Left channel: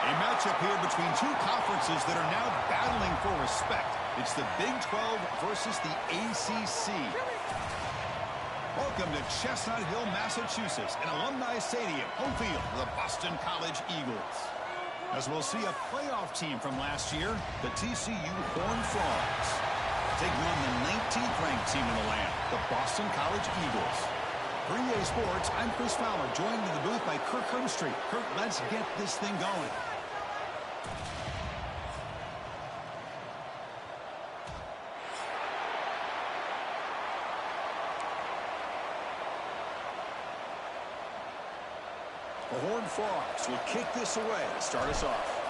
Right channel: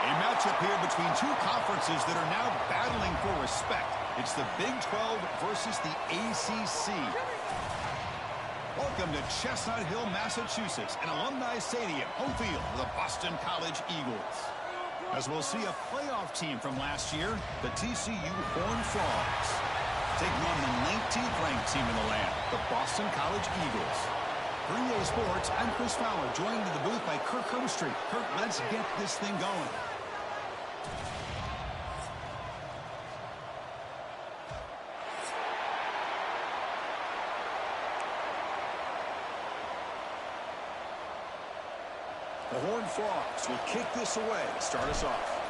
A matchup here between two conferences that are now battling for respect. It's the Big 12 versus the ACC. Welcome to Chestnut Hill, Massachusetts, an alumni stadium, home field for the Boston College Eagles. As we'll see a playoff team from last year, the TCU Horned Frogs, taking on the 19th ranked team in the land, the Boston College Eagles. For EA Sports, I'm Chris Fowler, joined in the booth by Kirk Herbstreit. Kirk, let's get this thing going. The Horned Frogs will kick this away to start us off.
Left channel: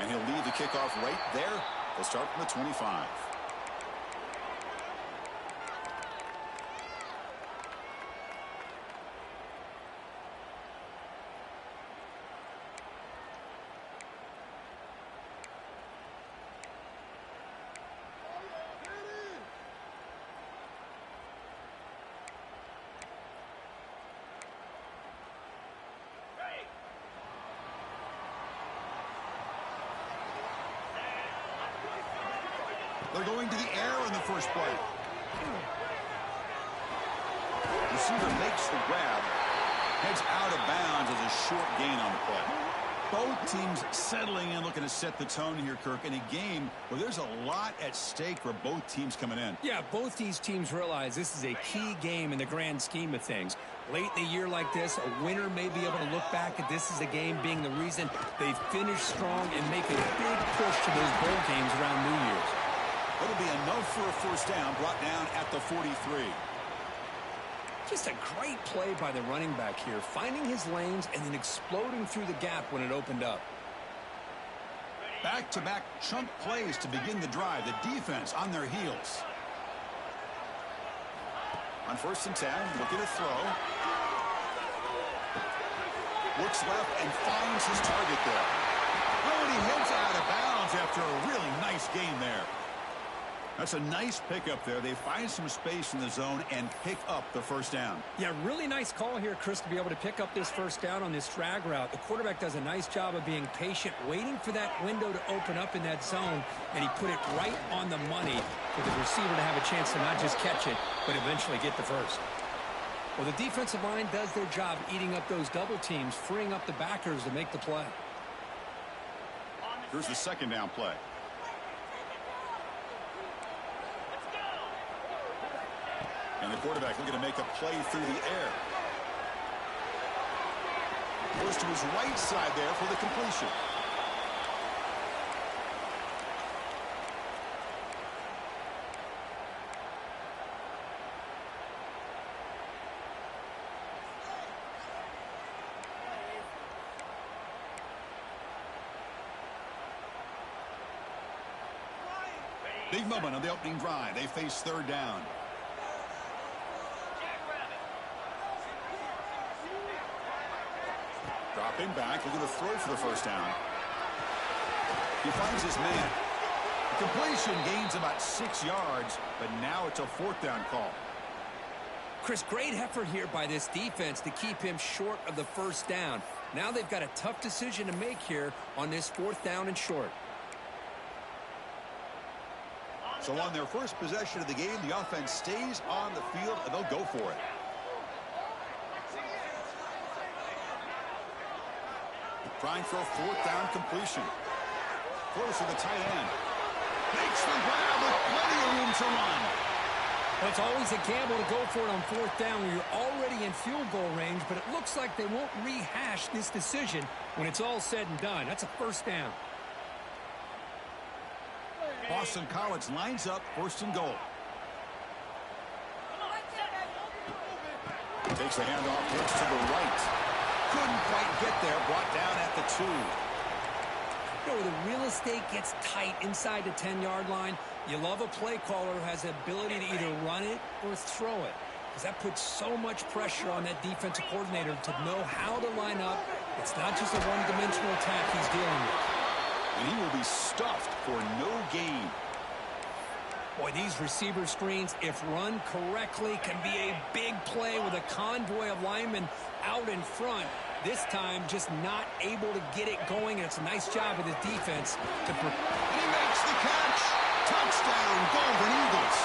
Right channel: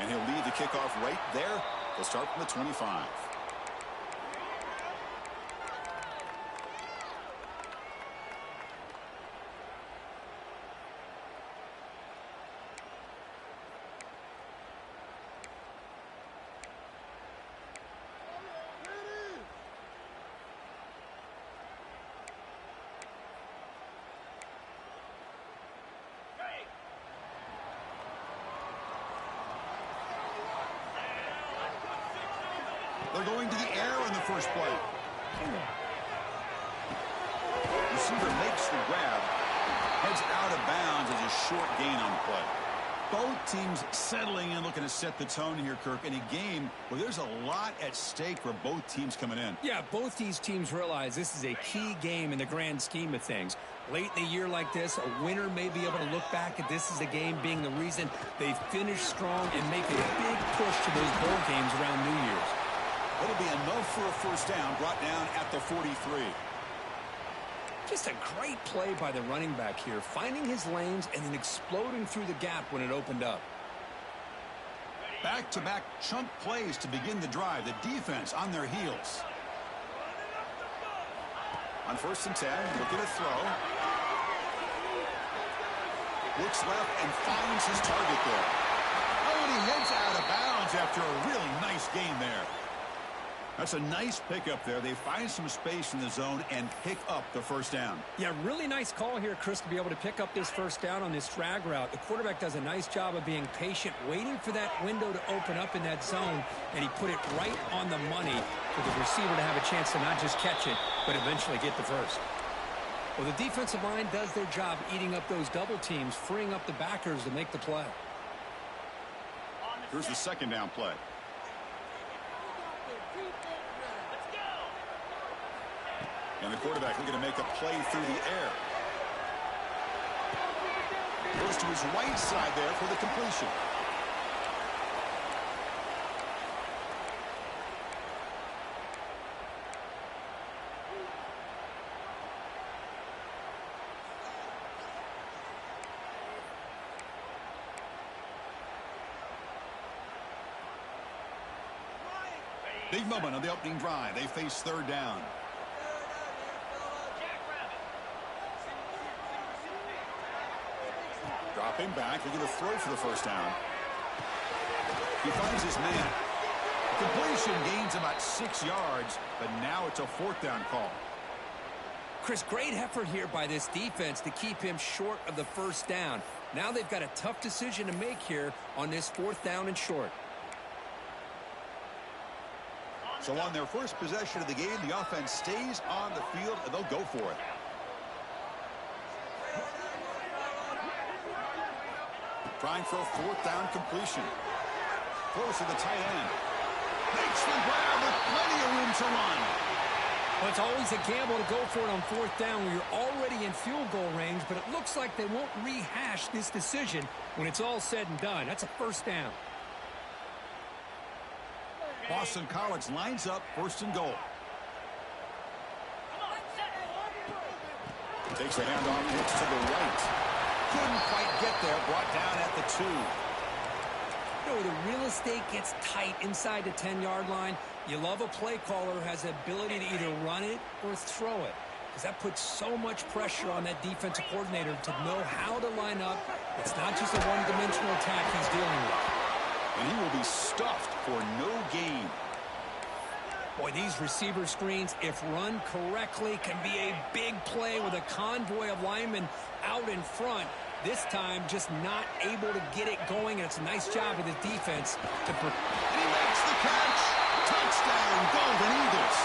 And he'll lead the kickoff right there. They'll start from the 25. They're going to the air on the first play. Receiver makes the grab. Heads out of bounds as a short gain on the play. Both teams settling in, looking to set the tone here, Kirk, in a game where there's a lot at stake for both teams coming in. Yeah, both these teams realize this is a key game in the grand scheme of things. Late in a year like this, a winner may be able to look back at this as a game being the reason they finish strong and make a big push to those bowl games around New Year's. It'll be enough for a first down, brought down at the 43. Just a great play by the running back here, finding his lanes and then exploding through the gap when it opened up. Back-to-back chunk plays to begin the drive. The defense on their heels. On 1st and 10, looking to throw. Looks left and finds his target there. Oh, and he heads out of bounds after a really nice gain there. That's a nice pickup there. They find some space in the zone and pick up the first down. Yeah, really nice call here, Chris, to be able to pick up this first down on this drag route. The quarterback does a nice job of being patient, waiting for that window to open up in that zone, and he put it right on the money for the receiver to have a chance to not just catch it, but eventually get the first. Well, the defensive line does their job eating up those double teams, freeing up the backers to make the play. Here's the second down play. And the quarterback looking to make a play through the air. Goes to his right side there for the completion. Big moment on the opening drive. They face third down. Dropping back, looking to throw for the first down. He finds his man. The completion gains about 6 yards, but now it's a 4th down call. Chris, great effort here by this defense to keep him short of the first down. Now they've got a tough decision to make here on this 4th down and short. So on their first possession of the game, the offense stays on the field, and they'll go for it. Trying for a 4th down completion. Throws to the tight end. Makes the grab with plenty of room to run. Well, it's always a gamble to go for it on 4th down when you're already in field goal range, but it looks like they won't rehash this decision when it's all said and done. That's a first down. Boston College lines up 1st and goal. Takes the handoff, hits to the right. Couldn't quite get there, brought down at the 2. You know, the real estate gets tight inside the 10-yard line. You love a play caller who has the ability to either run it or throw it, because that puts so much pressure on that defensive coordinator to know how to line up. It's not just a one-dimensional attack he's dealing with. And he will be stuffed for no gain. Boy, these receiver screens, if run correctly, can be a big play with a convoy of linemen out in front. This time, just not able to get it going, and it's a nice job of the defense to... And he makes the catch! Touchdown, Golden Eagles!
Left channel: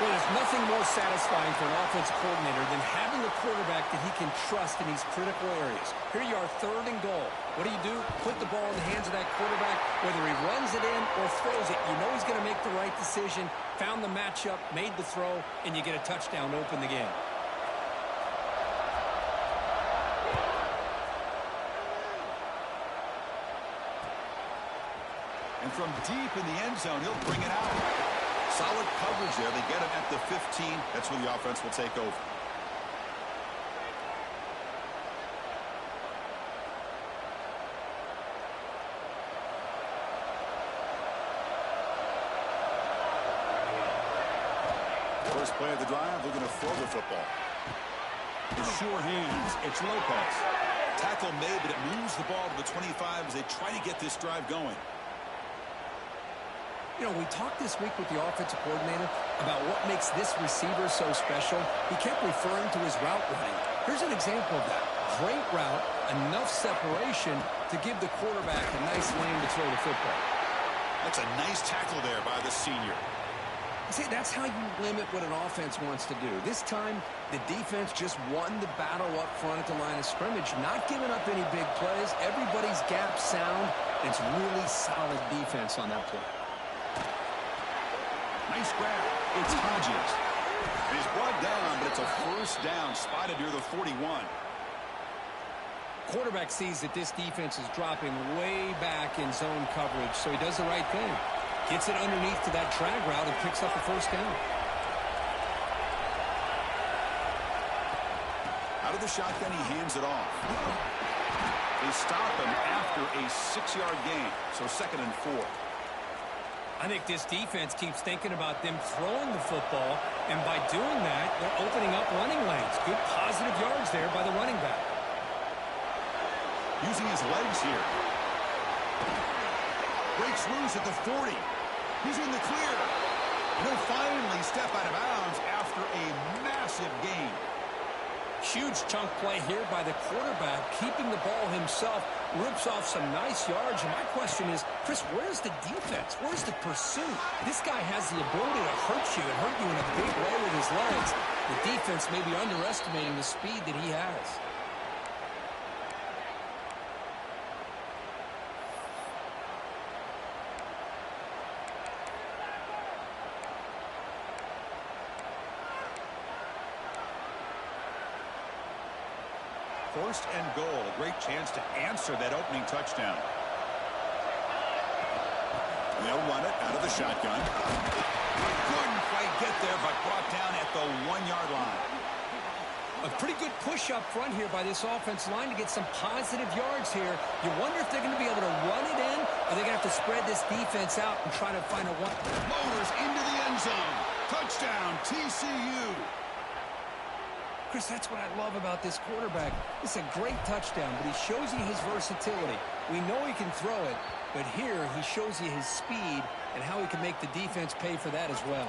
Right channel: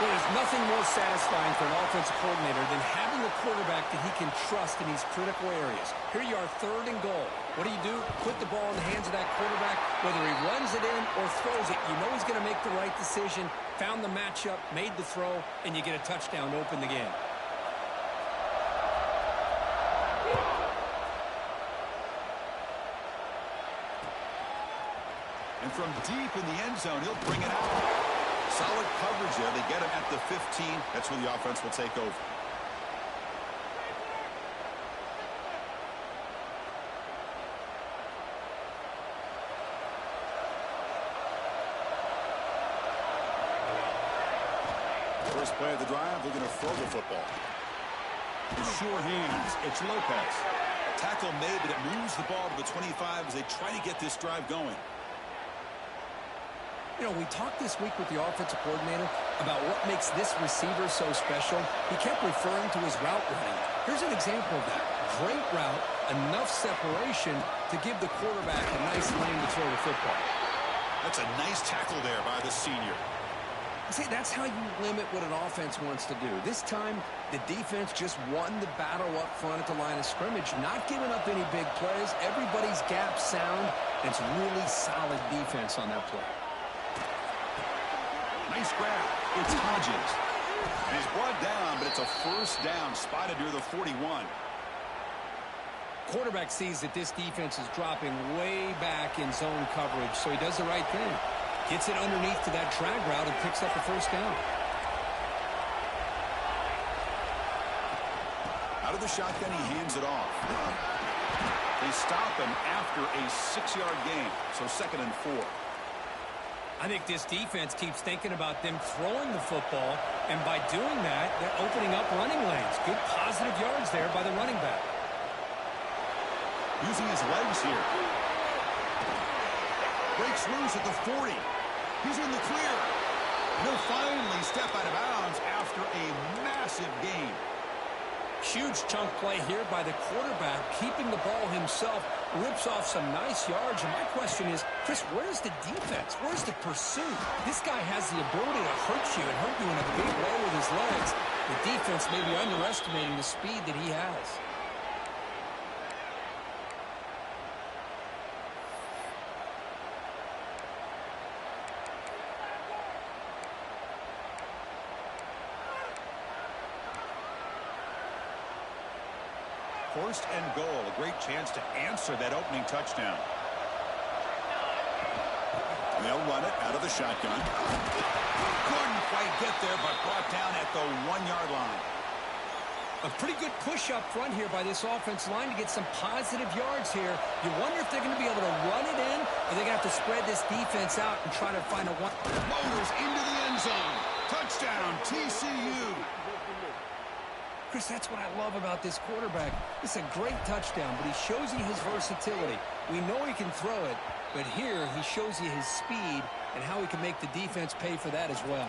Well, there's nothing more satisfying for an offensive coordinator than having a quarterback that he can trust in these critical areas. Here you are, 3rd and goal. What do? Put the ball in the hands of that quarterback. Whether he runs it in or throws it, you know he's going to make the right decision. Found the matchup, made the throw, and you get a touchdown to open the game. And from deep in the end zone, he'll bring it out. Solid coverage there. They get him at the 15. That's where the offense will take over. First play of the drive, looking to throw the football. With sure hands, it's Lopez. Tackle made, but it moves the ball to the 25 as they try to get this drive going. You know, we talked this week with the offensive coordinator about what makes this receiver so special. He kept referring to his route running. Here's an example of that. Great route, enough separation to give the quarterback a nice lane to throw the football. That's a nice tackle there by the senior. See, that's how you limit what an offense wants to do. This time, the defense just won the battle up front at the line of scrimmage, not giving up any big plays. Everybody's gap sound. It's really solid defense on that play. Nice grab. It's Hodges. And he's brought down, but it's a first down spotted near the 41. Quarterback sees that this defense is dropping way back in zone coverage, so he does the right thing. Gets it underneath to that drag route and picks up a first down. Out of the shotgun, he hands it off. They stop him after a 6-yard gain, so 2nd and 4. I think this defense keeps thinking about them throwing the football, and by doing that, they're opening up running lanes. Good positive yards there by the running back. Using his legs here. Breaks loose at the 40. He's in the clear. And he'll finally step out of bounds after a massive gain. Huge chunk play here by the quarterback, keeping the ball himself, rips off some nice yards. And my question is, Chris, where's the defense? Where's the pursuit? This guy has the ability to hurt you and hurt you in a big way with his legs. The defense may be underestimating the speed that he has. First and goal, a great chance to answer that opening touchdown. They'll run it out of the shotgun. Couldn't quite get there, but brought down at the 1-yard line. A pretty good push up front here by this offense line to get some positive yards here. You wonder if they're going to be able to run it in, or they're going to have to spread this defense out and try to find a one. Motors into the end zone. Touchdown, TCU. Chris, that's what I love about this quarterback. It's a great touchdown, but he shows you his versatility. We know he can throw it, but here he shows you his speed and how he can make the defense pay for that as well.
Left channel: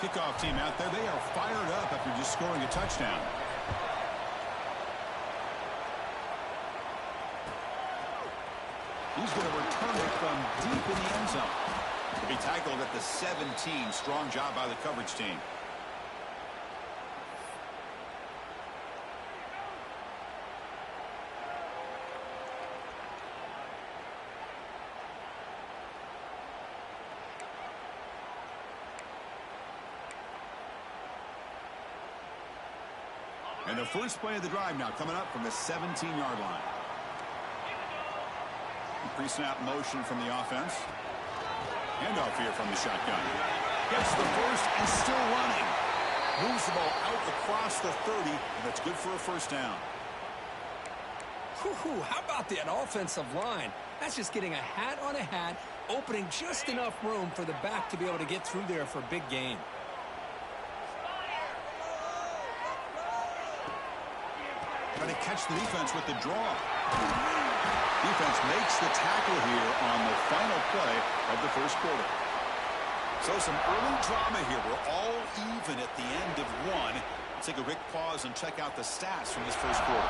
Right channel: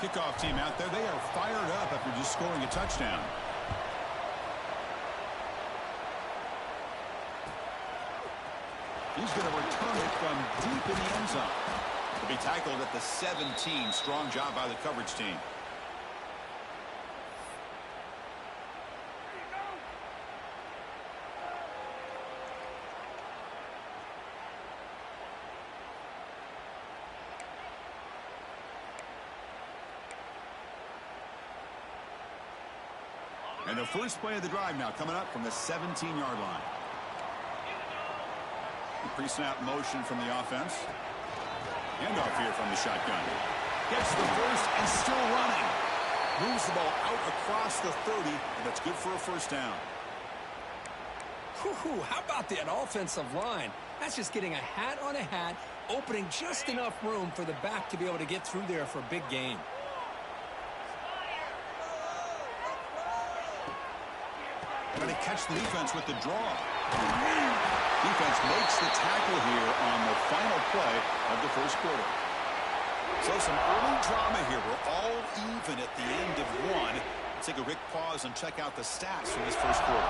Kickoff team out there, they are fired up after just scoring a touchdown. He's going to return it from deep in the end zone. To be tackled at the 17. Strong job by the coverage team. And the first play of the drive now coming up from the 17-yard line. Pre-snap motion from the offense. Handoff here from the shotgun. Gets the first and still running. Moves the ball out across the 30, and that's good for a first down. Whew, how about that offensive line? That's just getting a hat on a hat, opening just enough room for the back to be able to get through there for a big gain. Trying to catch the defense with the draw. Defense makes the tackle here on the final play of the first quarter. So some early drama here. We're all even at the end of one. Let's take a quick pause and check out the stats from this first quarter.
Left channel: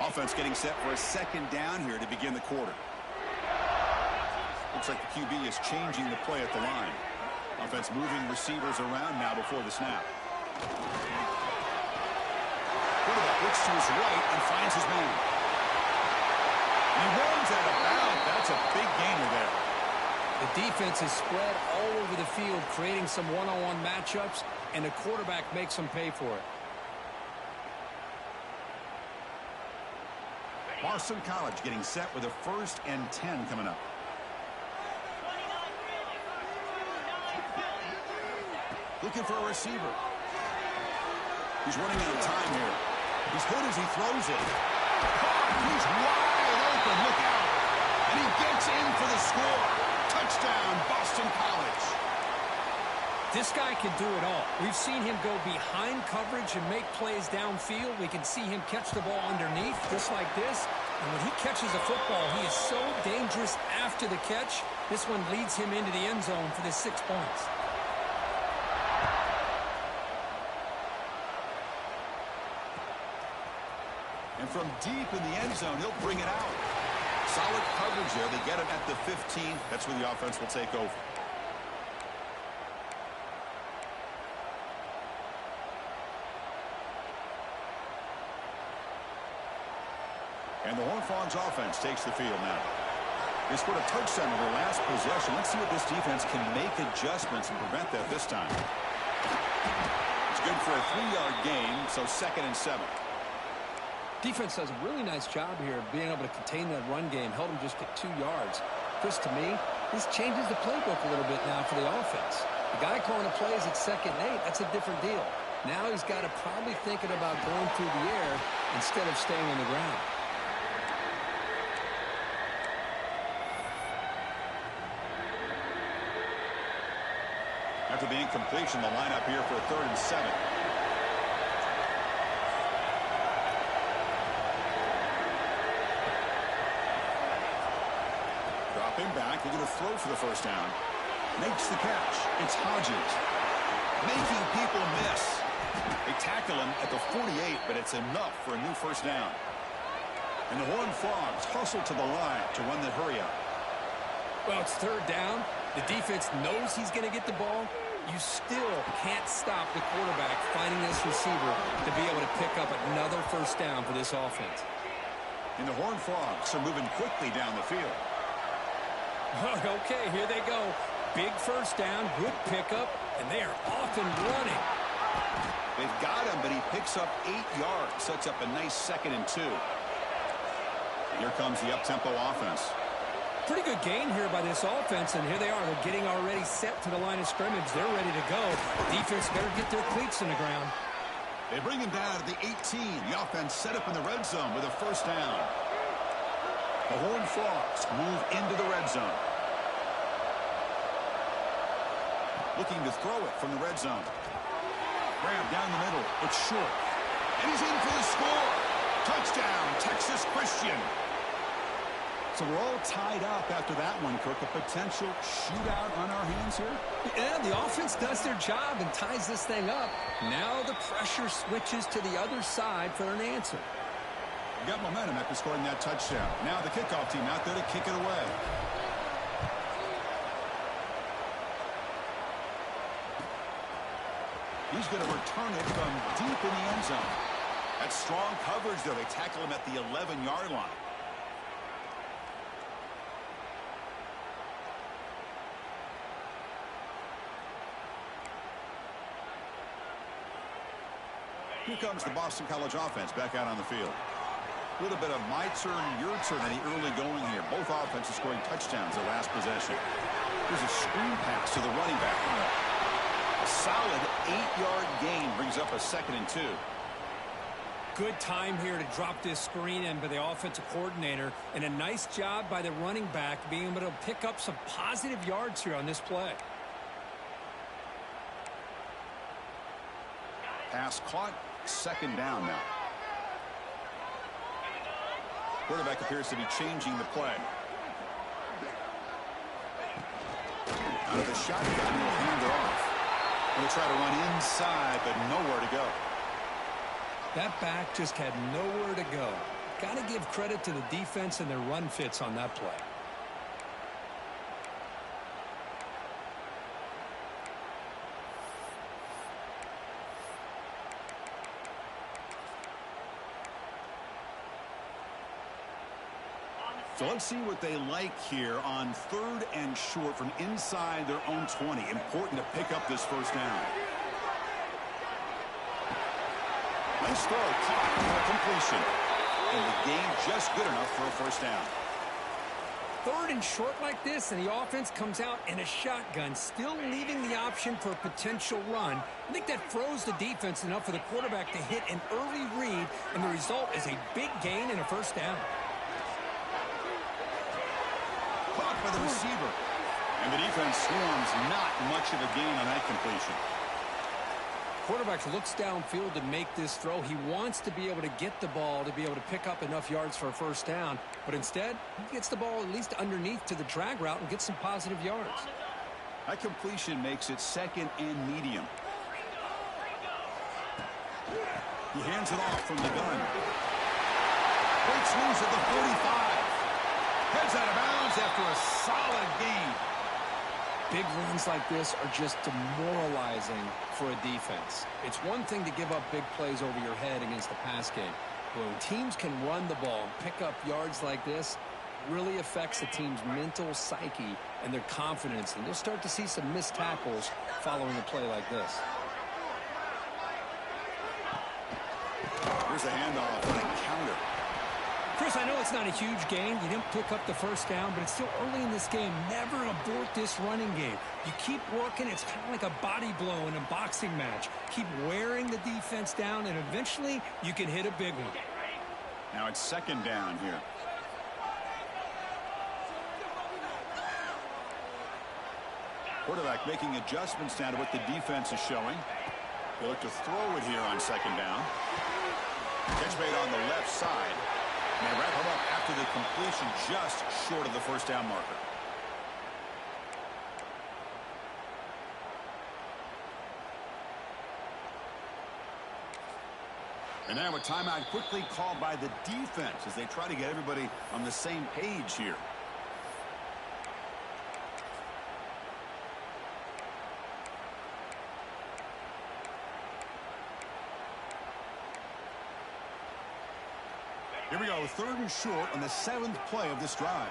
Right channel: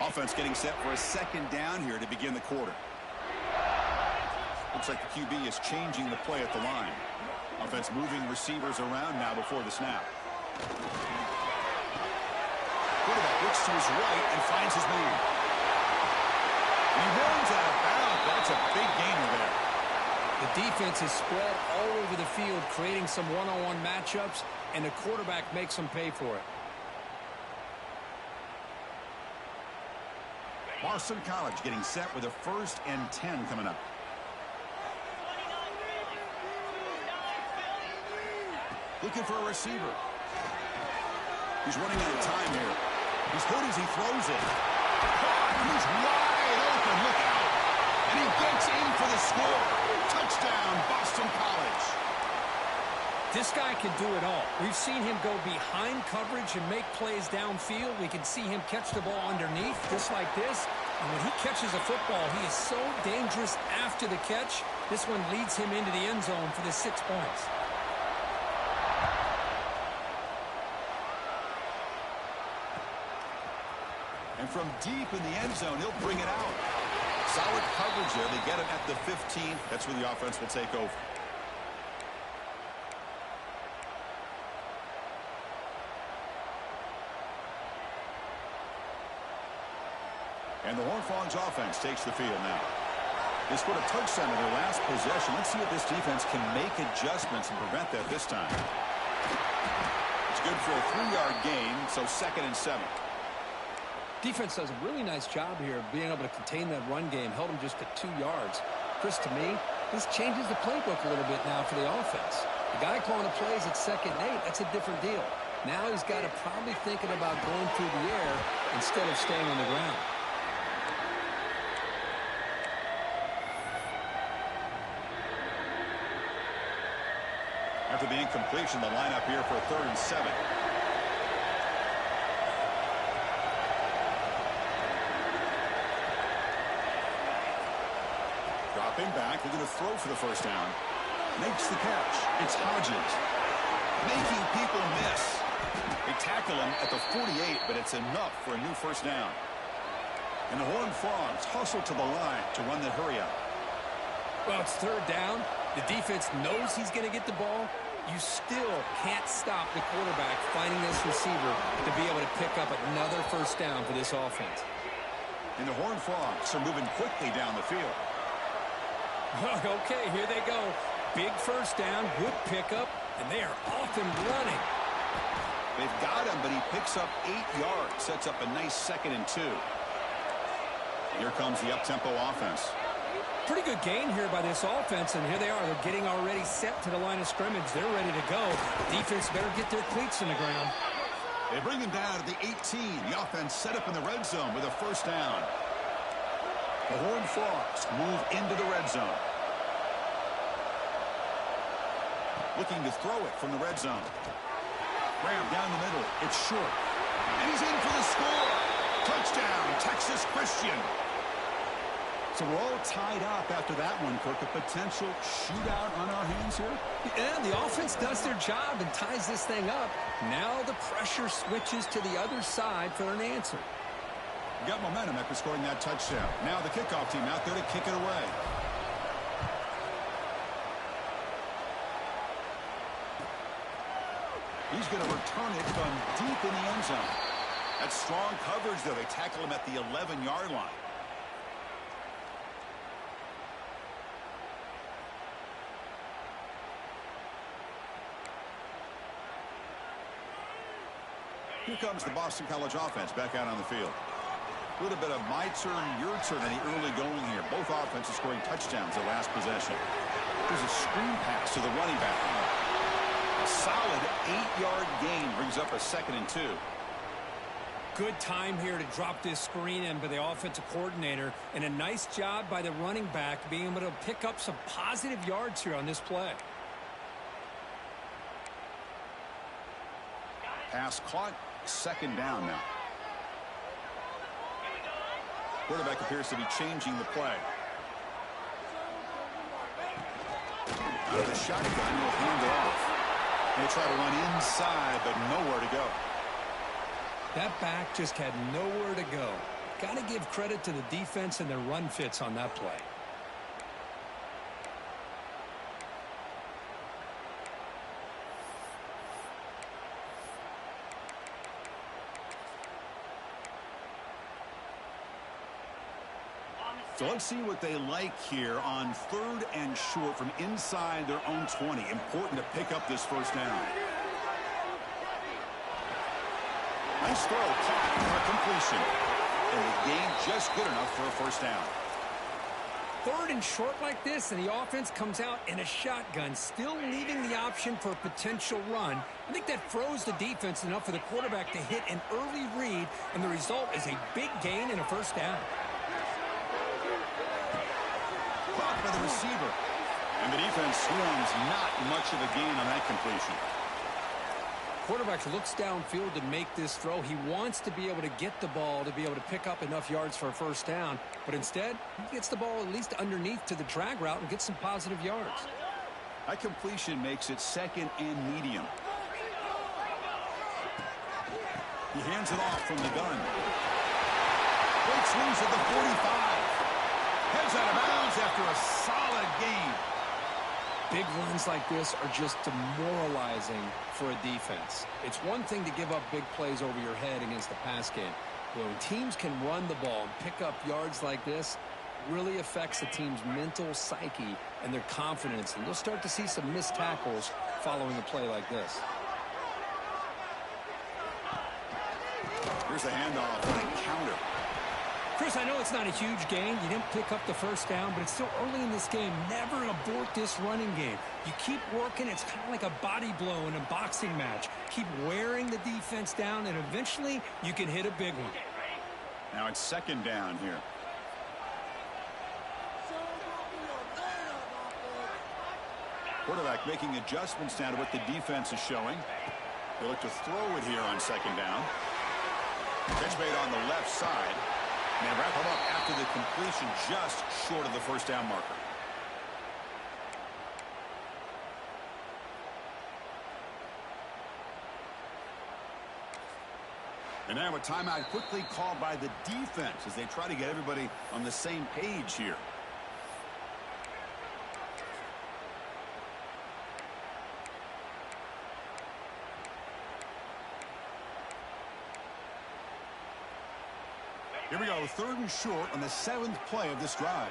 Offense getting set for a second down here to begin the quarter. Looks like the QB is changing the play at the line. Offense moving receivers around now before the snap. Quarterback looks to his right and finds his man. And he runs out of bounds. That's a big gainer there. The defense is spread all over the field, creating some one-on-one matchups, and the quarterback makes them pay for it. Boston College getting set with a 1st and 10 coming up. Looking for a receiver. He's running out of time here. He's hit as he throws it. Caught. He's wide open. Look out. And he gets in for the score. Touchdown, Boston College. This guy can do it all. We've seen him go behind coverage and make plays downfield. We can see him catch the ball underneath, just like this. And when he catches a football, he is so dangerous after the catch. This one leads him into the end zone for the 6 points. And from deep in the end zone, he'll bring it out. Solid coverage there. They get him at the 15. That's where the offense will take over. And the Horned Frogs offense takes the field now. They scored a touchdown in their last possession. Let's see if this defense can make adjustments and prevent that this time. It's good for a 3-yard gain, so 2nd and 7. Defense does a really nice job here of being able to contain that run game. Held him just at 2 yards. Chris, to me, this changes the playbook a little bit now for the offense. The guy calling the plays at 2nd and 8, that's a different deal. Now he's got to probably thinking about going through the air instead of staying on the ground. After the incompletion, the lineup here for a 3rd and 7. Dropping back, they're going to throw for the 1st down. Makes the catch. It's Hodges. Making people miss. They tackle him at the 48, but it's enough for a new 1st down. And the Horned Frogs hustle to the line to run the hurry up. Well, it's 3rd down. The defense knows he's going to get the ball. You still can't stop the quarterback finding this receiver to be able to pick up another 1st down for this offense. And the Horned Frogs are moving quickly down the field. Okay, here they go. Big 1st down, good pickup, and they are off and running. They've got him, but he picks up 8 yards. Sets up a nice 2nd and 2. Here comes the up-tempo offense. Pretty good gain here by this offense, and here they are. They're getting already set to the line of scrimmage. They're ready to go. Defense better get their cleats in the ground. They bring him down to the 18. The offense set up in the red zone with a 1st down. The Horned Frogs move into the red zone. Looking to throw it from the red zone. Graham down the middle. It's short. And he's in for the score. Touchdown, Texas Christian. So we're all tied up after that one, Kirk. A potential shootout on our hands here? Yeah, the offense does their job and ties this thing up. Now the pressure switches to the other side for an answer. Got momentum after scoring that touchdown. Now the kickoff team out there to kick it away. He's going to return it from deep in the end zone. That's strong coverage, though. They tackle him at the 11-yard line. Here comes the Boston College offense back out on the field. A little bit of my turn, your turn in the early going here. Both offenses scoring touchdowns their last possession. Here's a screen pass to the running back. A solid 8-yard gain brings up a 2nd and 2. Good time here to drop this screen in by the offensive coordinator, and a nice job by the running back being able to pick up some positive yards here on this play. Pass caught, 2nd down now. Quarterback appears to be changing the play. Out of the shotgun, he'll hand it off. He'll try to run inside, but nowhere to go. That back just had nowhere to go. Got to give credit to the defense and their run fits on that play. So let's see what they like here on 3rd and short from inside their own 20. Important to pick up this first down. Nice throw, caught for a completion. And the gain just good enough for a first down. 3rd and short like this, and the offense comes out in a shotgun, still leaving the option for a potential run. I think that froze the defense enough for the quarterback to hit an early read, and the result is a big gain and a first down. Caught by the receiver. And the defense swarms, not much of a gain on that completion. Quarterback looks downfield to make this throw. He wants to be able to get the ball to be able to pick up enough yards for a first down. But instead, he gets the ball at least underneath to the drag route and gets some positive yards. That completion makes it 2nd and medium. He hands it off from the gun. Great swings at the 45. Heads out of bounds after a solid gain. Big runs like this are just demoralizing for a defense. It's one thing to give up big plays over your head against the pass game. But when teams can run the ball and pick up yards like this, it really affects the team's mental psyche and their confidence. And you'll start to see some missed tackles following a play like this. Here's a handoff on a counter. Chris, I know it's not a huge gain. You didn't pick up the first down, but it's still early in this game. Never abort this running game. You keep working. It's kind of like a body blow in a boxing match. Keep wearing the defense down, and eventually you can hit a big one. Now it's 2nd down here. Quarterback making adjustments now to what the defense is showing. They look to throw it here on 2nd down. Catch made on the left side. And they wrap him up after the completion just short of the first down marker. And now a timeout quickly called by the defense as they try to get everybody on the same page here. Here we go, 3rd and short on the 7th play of this drive.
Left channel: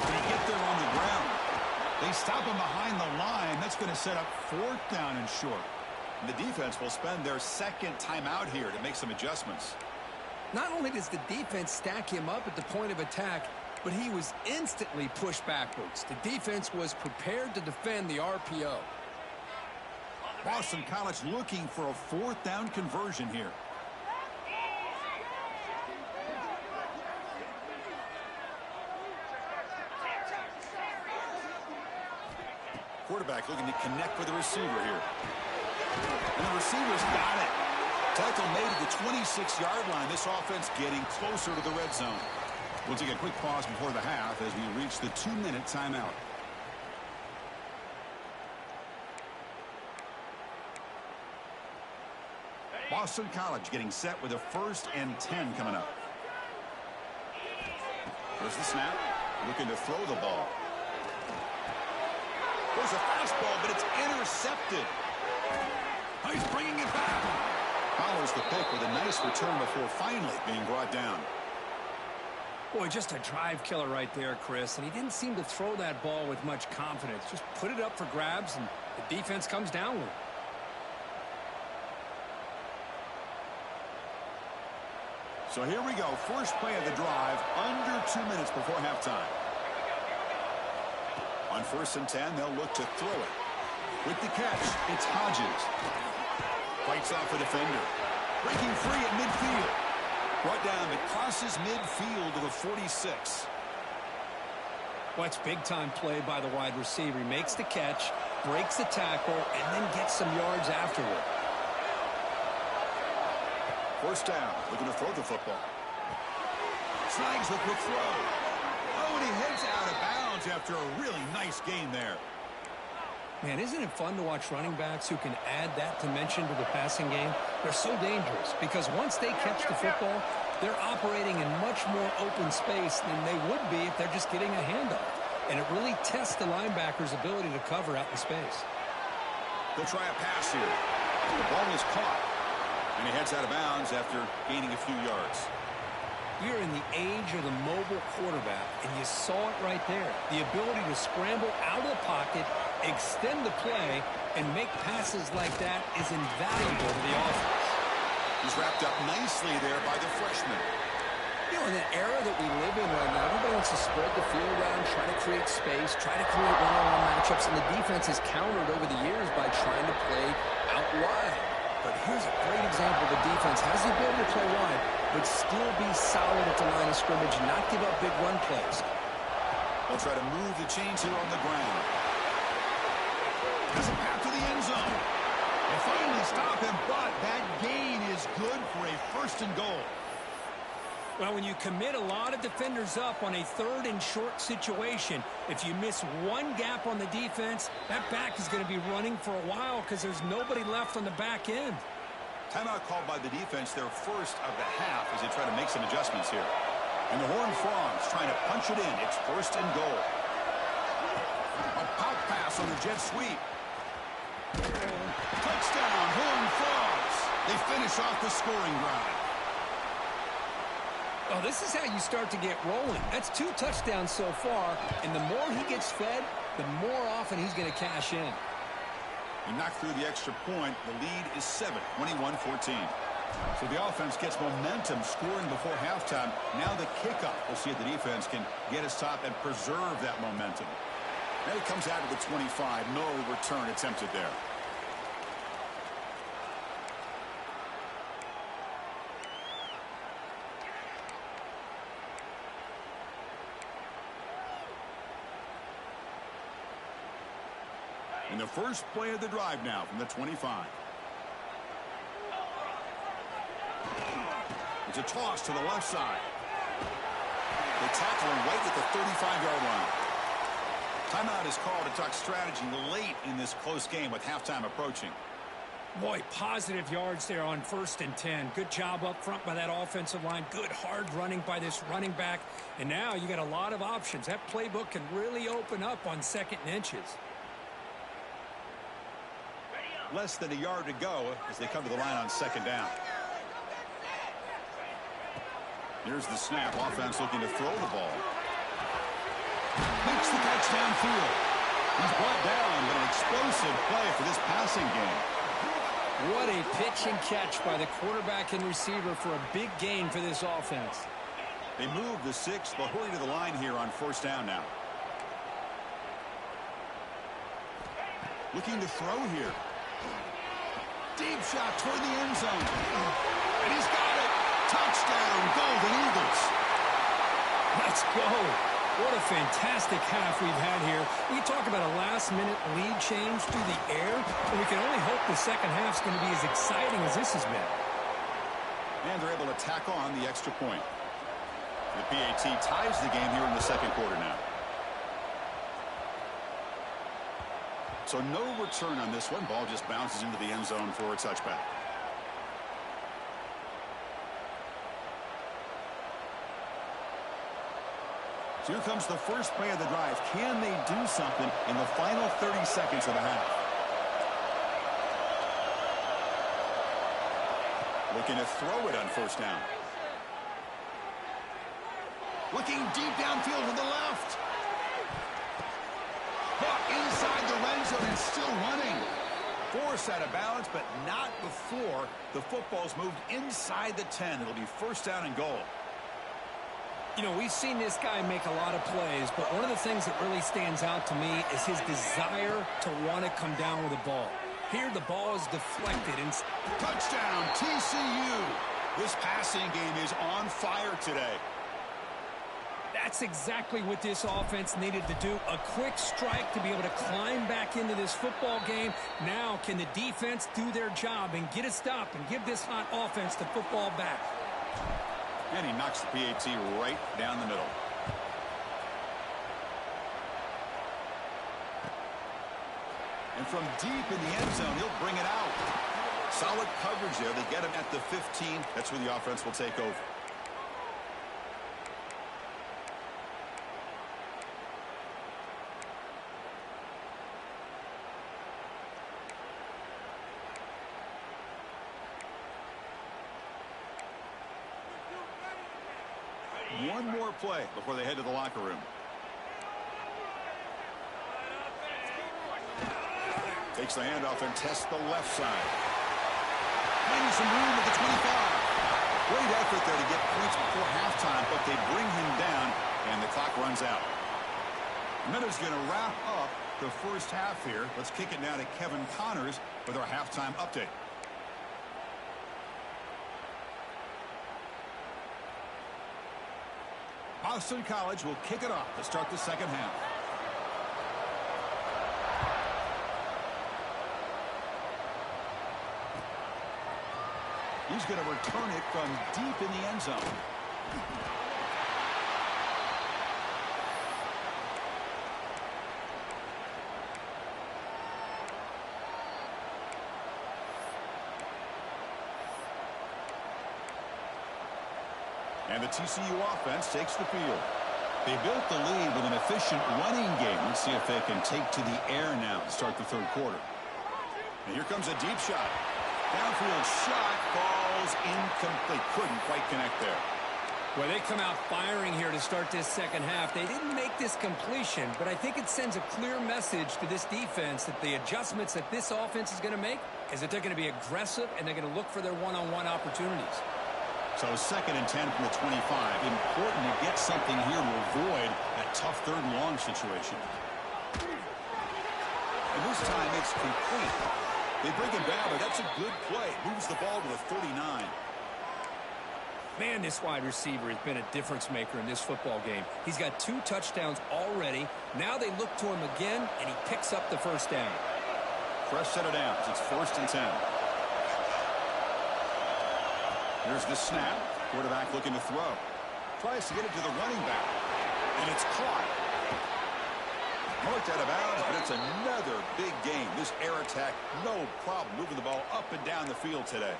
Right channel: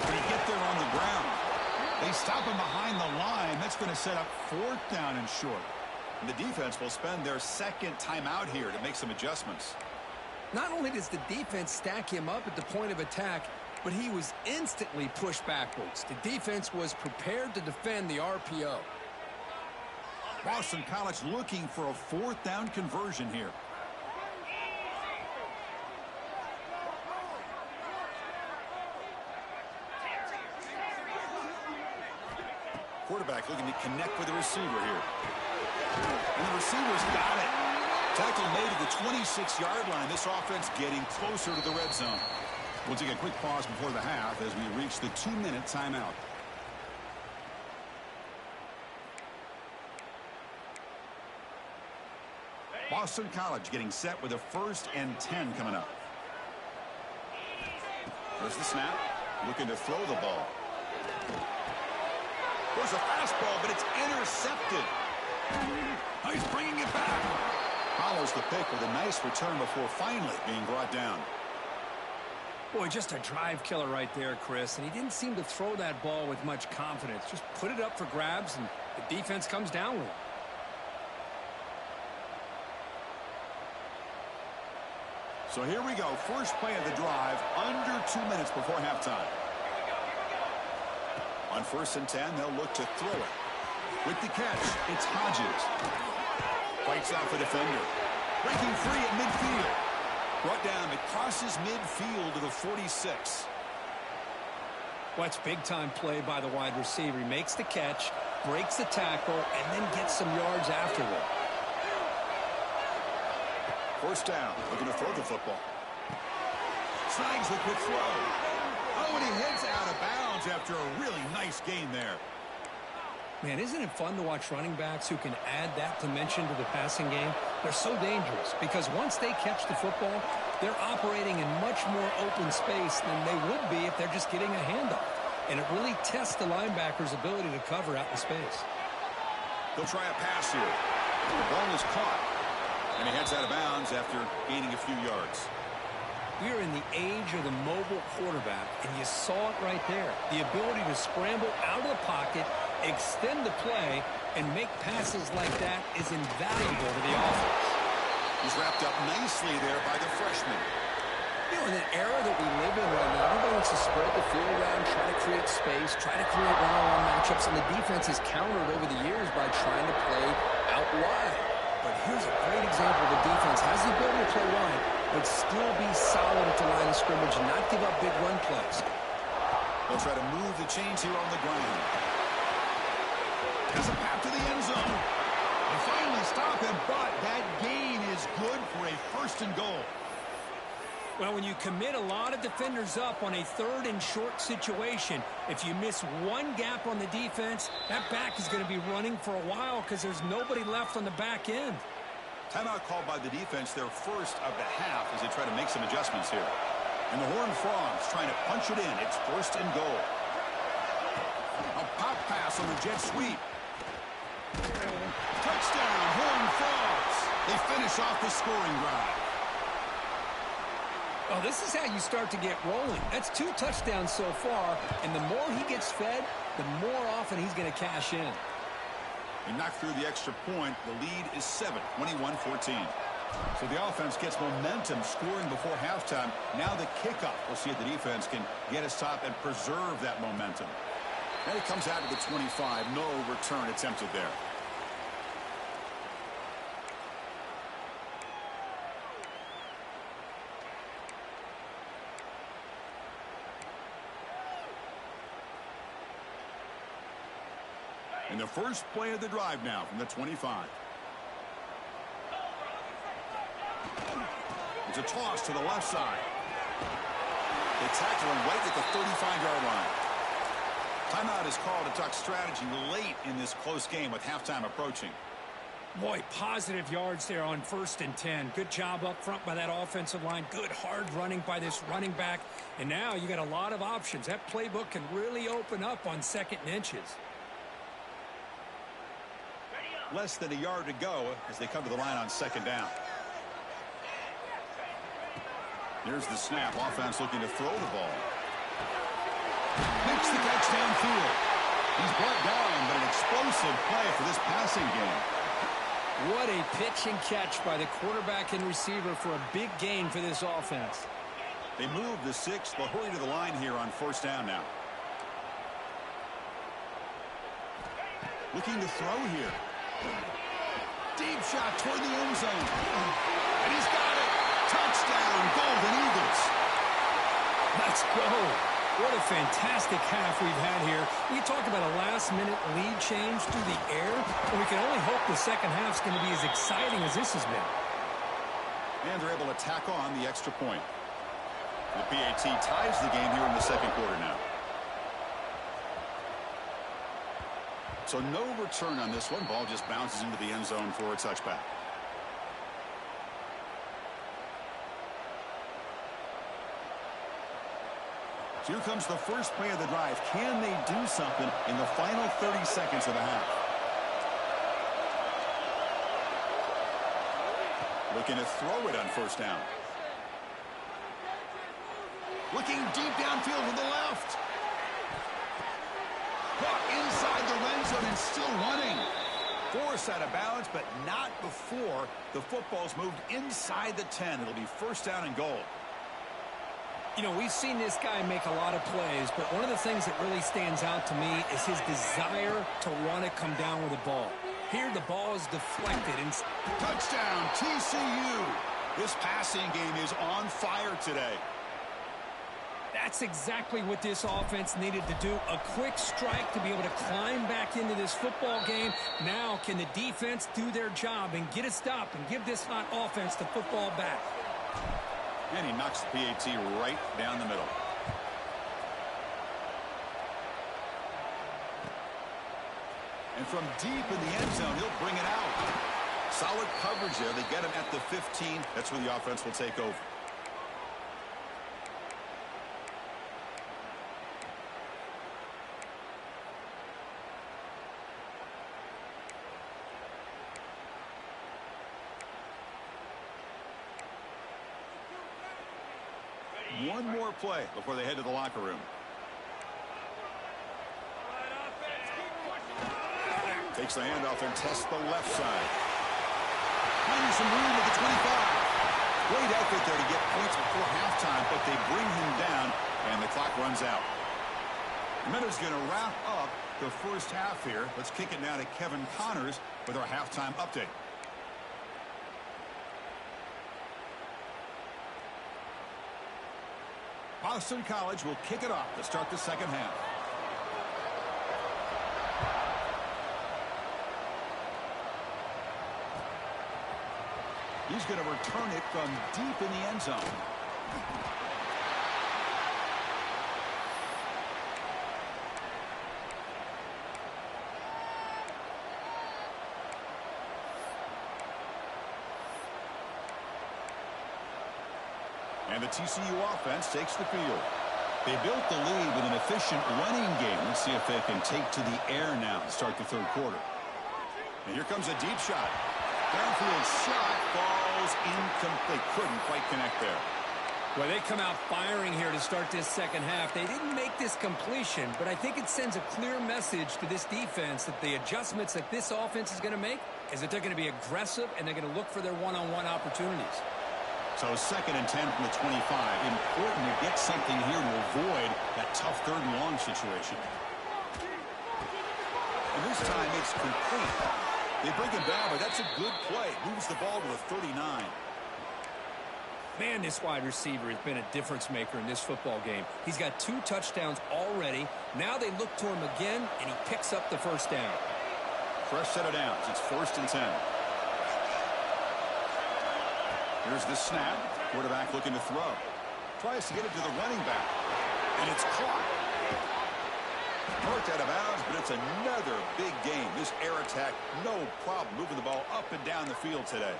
Can he get there on the ground? They stop him behind the line. That's going to set up 4th down and short. And the defense will spend their 2nd timeout here to make some adjustments. Not only does the defense stack him up at the point of attack, but he was instantly pushed backwards. The defense was prepared to defend the RPO. Boston College looking for a 4th down conversion here. Quarterback looking to connect with the receiver here. And the receiver's got it. Tackle made at the 26-yard line. This offense getting closer to the red zone. We'll take a quick pause before the half as we reach the 2-minute timeout. Boston College getting set with a 1st and 10 coming up. There's the snap. Looking to throw the ball. There's a fastball, but it's intercepted. Oh, he's bringing it back. Follows the pick with a nice return before finally being brought down. Boy, just a drive killer right there, Chris. And he didn't seem to throw that ball with much confidence. Just put it up for grabs, and the defense comes down with it. So here we go. First play of the drive, under 2 minutes before halftime. On 1st and 10, they'll look to throw it. With the catch, it's Hodges. Fights off a defender. Breaking free at midfield. Brought down, but crosses midfield to the 46. Well, it's big-time play by the wide receiver. He makes the catch, breaks the tackle, and then gets some yards afterward. First down, looking to throw the football. Snags the quick throw. Oh, and he heads out of bounds after a really nice gain there. Man, isn't it fun to watch running backs who can add that dimension to the passing game? They're so dangerous because once they catch the football, they're operating in much more open space than they would be if they're just getting a handoff. And it really tests the linebacker's ability to cover out in space. They'll try a pass here. The ball is caught. And he heads out of bounds after gaining a few yards. We are in the age of the mobile quarterback, and you saw it right there. The ability to scramble out of the pocket, extend the play, and make passes like that is invaluable to the offense. He's wrapped up nicely there by the freshman. You know, in the era that we live in right now, everybody wants to spread the field around, try to create space, try to create one-on-one matchups, and the defense has countered over the years by trying to play out wide. But here's a great example. The defense has the ability to play wide, but still be solid at the line of scrimmage and not give up big run plays. They'll try to move the chains here on the ground. Has a path to the end zone. They finally stop him, but that gain is good for a 1st and goal. Well, when you commit a lot of defenders up on a 3rd and short situation, if you miss one gap on the defense, that back is going to be running for a while because there's nobody left on the back end. Timeout called by the defense, their first of the half, as they try to make some adjustments here. And the Horned Frogs trying to punch it in. It's 1st and goal. A pop pass on the jet sweep. Touchdown, Horned Frogs. They finish off the scoring drive. Well, this is how you start to get rolling. That's 2 touchdowns so far, and the more he gets fed, the more often he's going to cash in. He knocked through the extra point. The lead is 7, 21-14. So the offense gets momentum scoring before halftime. Now the kickoff. We'll see if the defense can get a stop and preserve that momentum. And it comes out to the 25. No return attempted there. And the first play of the drive now from the 25. It's a toss to the left side. They tackle him right at the 35-yard line. Timeout is called to talk strategy late in this close game with halftime approaching. Boy, positive yards there on 1st and 10. Good job up front by that offensive line. Good hard running by this running back. And now you got a lot of options. That playbook can really open up on 2nd and inches. Less than a yard to go as they come to the line on 2nd down. Here's the snap. Offense looking to throw the ball. Makes the catch downfield. He's brought down, but an explosive play for this passing game. What a pitch and catch by the quarterback and receiver for a big gain for this offense. They move the 6th. They'll hurry to the line here on 1st down now. Looking to throw here. Deep shot toward the end zone. And he's got it. Touchdown, Golden Eagles. Let's go. What a fantastic half we've had here. We talk about a last-minute lead change through the air, and we can only hope the second half's going to be as exciting as this has been. And they're able to tack on the extra point. The PAT ties the game here in the 2nd quarter now. So no return on this one. Ball just bounces into the end zone for a touchback. So here comes the first play of the drive. Can they do something in the final 30 seconds of the half? Looking to throw it on 1st down. Looking deep downfield to the left. Caught inside the red zone and still running. Forced out of bounds, but not before the football's moved inside the 10. It'll be 1st down and goal. You know, we've seen this guy make a lot of plays, but one of the things that really stands out to me is his desire to want to come down with the ball. Here, the ball is deflected. And touchdown, TCU. This passing game is on fire today. That's exactly what this offense needed to do. A quick strike to be able to climb back into this football game. Now can the defense do their job and get a stop and give this hot offense the football back? And he knocks the PAT right down the middle. And from deep in the end zone, he'll bring it out. Solid coverage there. They get him at the 15. That's where the offense will take over. One more play before they head to the locker room. Takes the handoff and tests the left side. Finding some room at the 25. Great effort there to get points before halftime, but they bring him down, and the clock runs out. Minuta's going to wrap up the first half here. Let's kick it now to Kevin Connors with our halftime update. Boston College will kick it off to start the second half. He's going to return it from deep in the end zone. And the TCU offense takes the field. They built the lead with an efficient running game. Let's see if they can take to the air now to start the third quarter. And here comes a deep shot. Downfield shot falls incomplete. Couldn't quite connect there. Well, they come out firing here to start this second half. They didn't make this completion, but I think it sends a clear message to this defense that the adjustments that this offense is going to make is that they're going to be aggressive and they're going to look for their one-on-one opportunities. So 2nd and 10 from the 25. Important to get something here to avoid that tough third and long situation. And this time it's complete. They bring him down, but that's a good play. Moves the ball to the 39. Man, this wide receiver has been a difference maker in this football game. He's got 2 touchdowns already. Now they look to him again, and he picks up the first down. Fresh set of downs. It's 1st and 10. Here's the snap. Quarterback looking to throw. Tries to get it to the running back. And it's caught. Marked out of bounds, but it's another big game. This air attack, no problem moving the ball up and down the field today.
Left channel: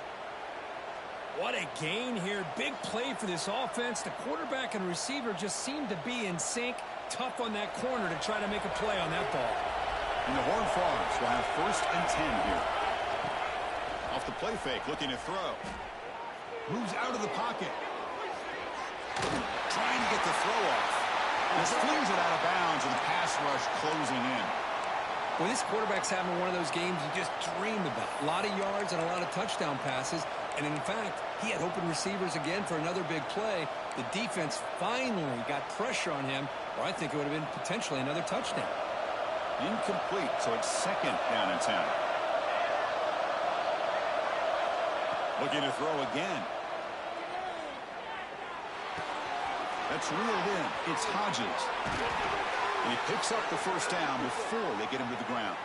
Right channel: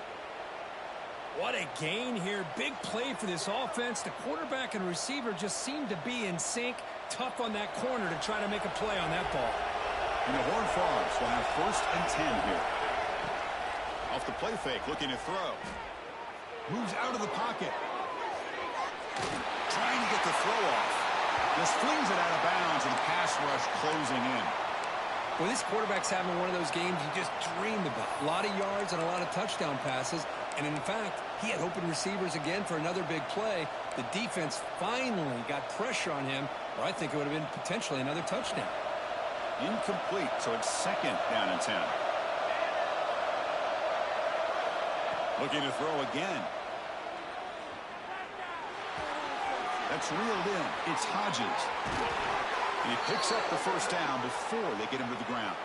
What a gain here. Big play for this offense. The quarterback and receiver just seem to be in sync. Tough on that corner to try to make a play on that ball. And the Horned Frogs will have 1st and 10 here. Off the play fake, looking to throw. Moves out of the pocket. Trying to get the throw off. Just flings it out of bounds with the pass rush closing in. Well, this quarterback's having one of those games you just dreamed about. A lot of yards and a lot of touchdown passes. And in fact, he had open receivers again for another big play. The defense finally got pressure on him, or I think it would have been potentially another touchdown. Incomplete, so it's 2nd down and 10. Looking to throw again. That's reeled in. It's Hodges. And he picks up the first down before they get him to the ground.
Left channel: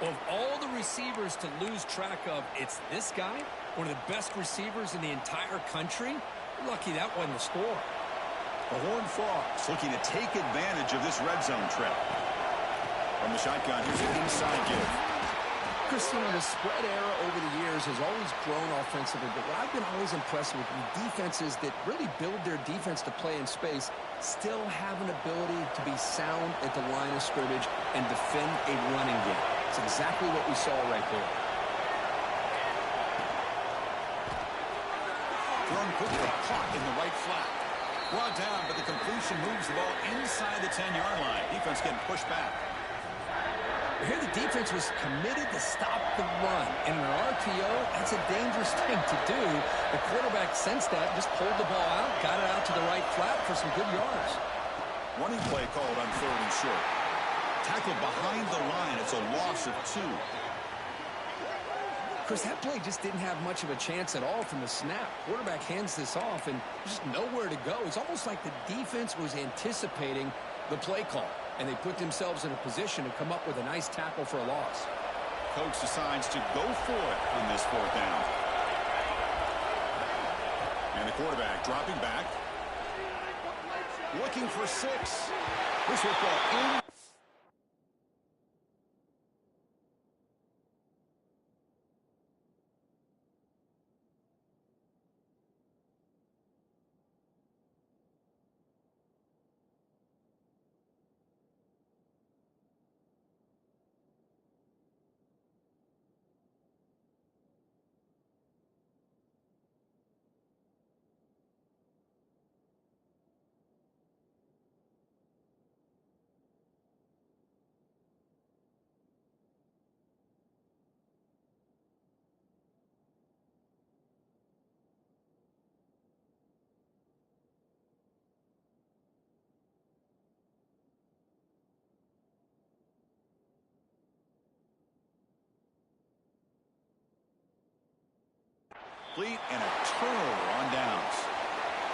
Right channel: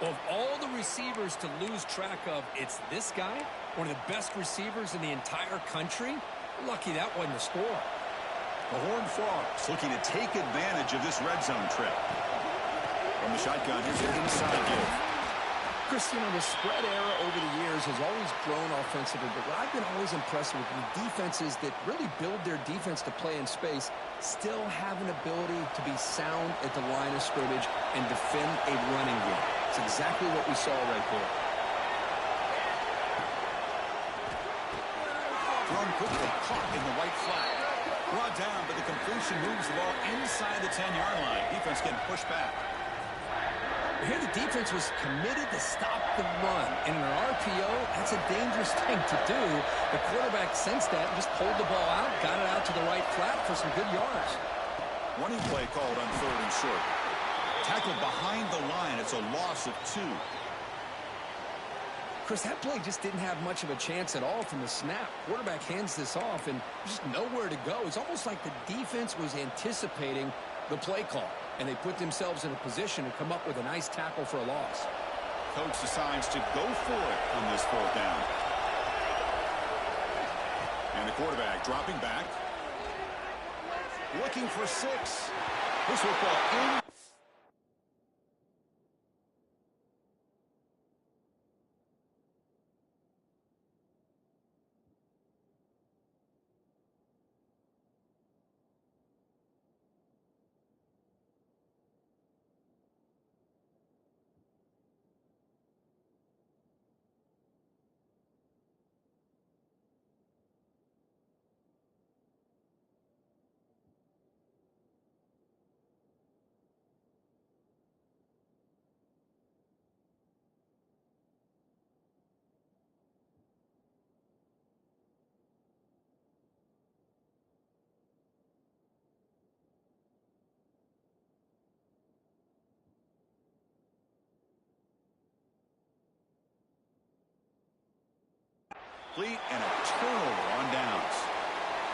Of all the receivers to lose track of, it's this guy, one of the best receivers in the entire country. Lucky that wasn't the score. The Horned Frogs looking to take advantage of this red zone trip. From the shotgun, here's an inside give. Chris, you know, the spread era over the years has always grown offensively, but what I've been always impressed with the defenses that really build their defense to play in space still have an ability to be sound at the line of scrimmage and defend a running game. It's exactly what we saw right there. Thrown quickly, caught in the right flat. Brought down, but the completion moves the ball inside the 10-yard line. Defense getting pushed back. Here the defense was committed to stop the run. And in an RPO, that's a dangerous thing to do. The quarterback sensed that and just pulled the ball out, got it out to the right flat for some good yards. Running play called on 3rd and short. Tackled behind the line. It's a loss of 2. Chris, that play just didn't have much of a chance at all from the snap. Quarterback hands this off, and just nowhere to go. It's almost like the defense was anticipating the play call, and they put themselves in a position to come up with a nice tackle for a loss. Coach decides to go for it on this 4th down. And the quarterback dropping back. Looking for 6. This will fall in. And a turnover on downs.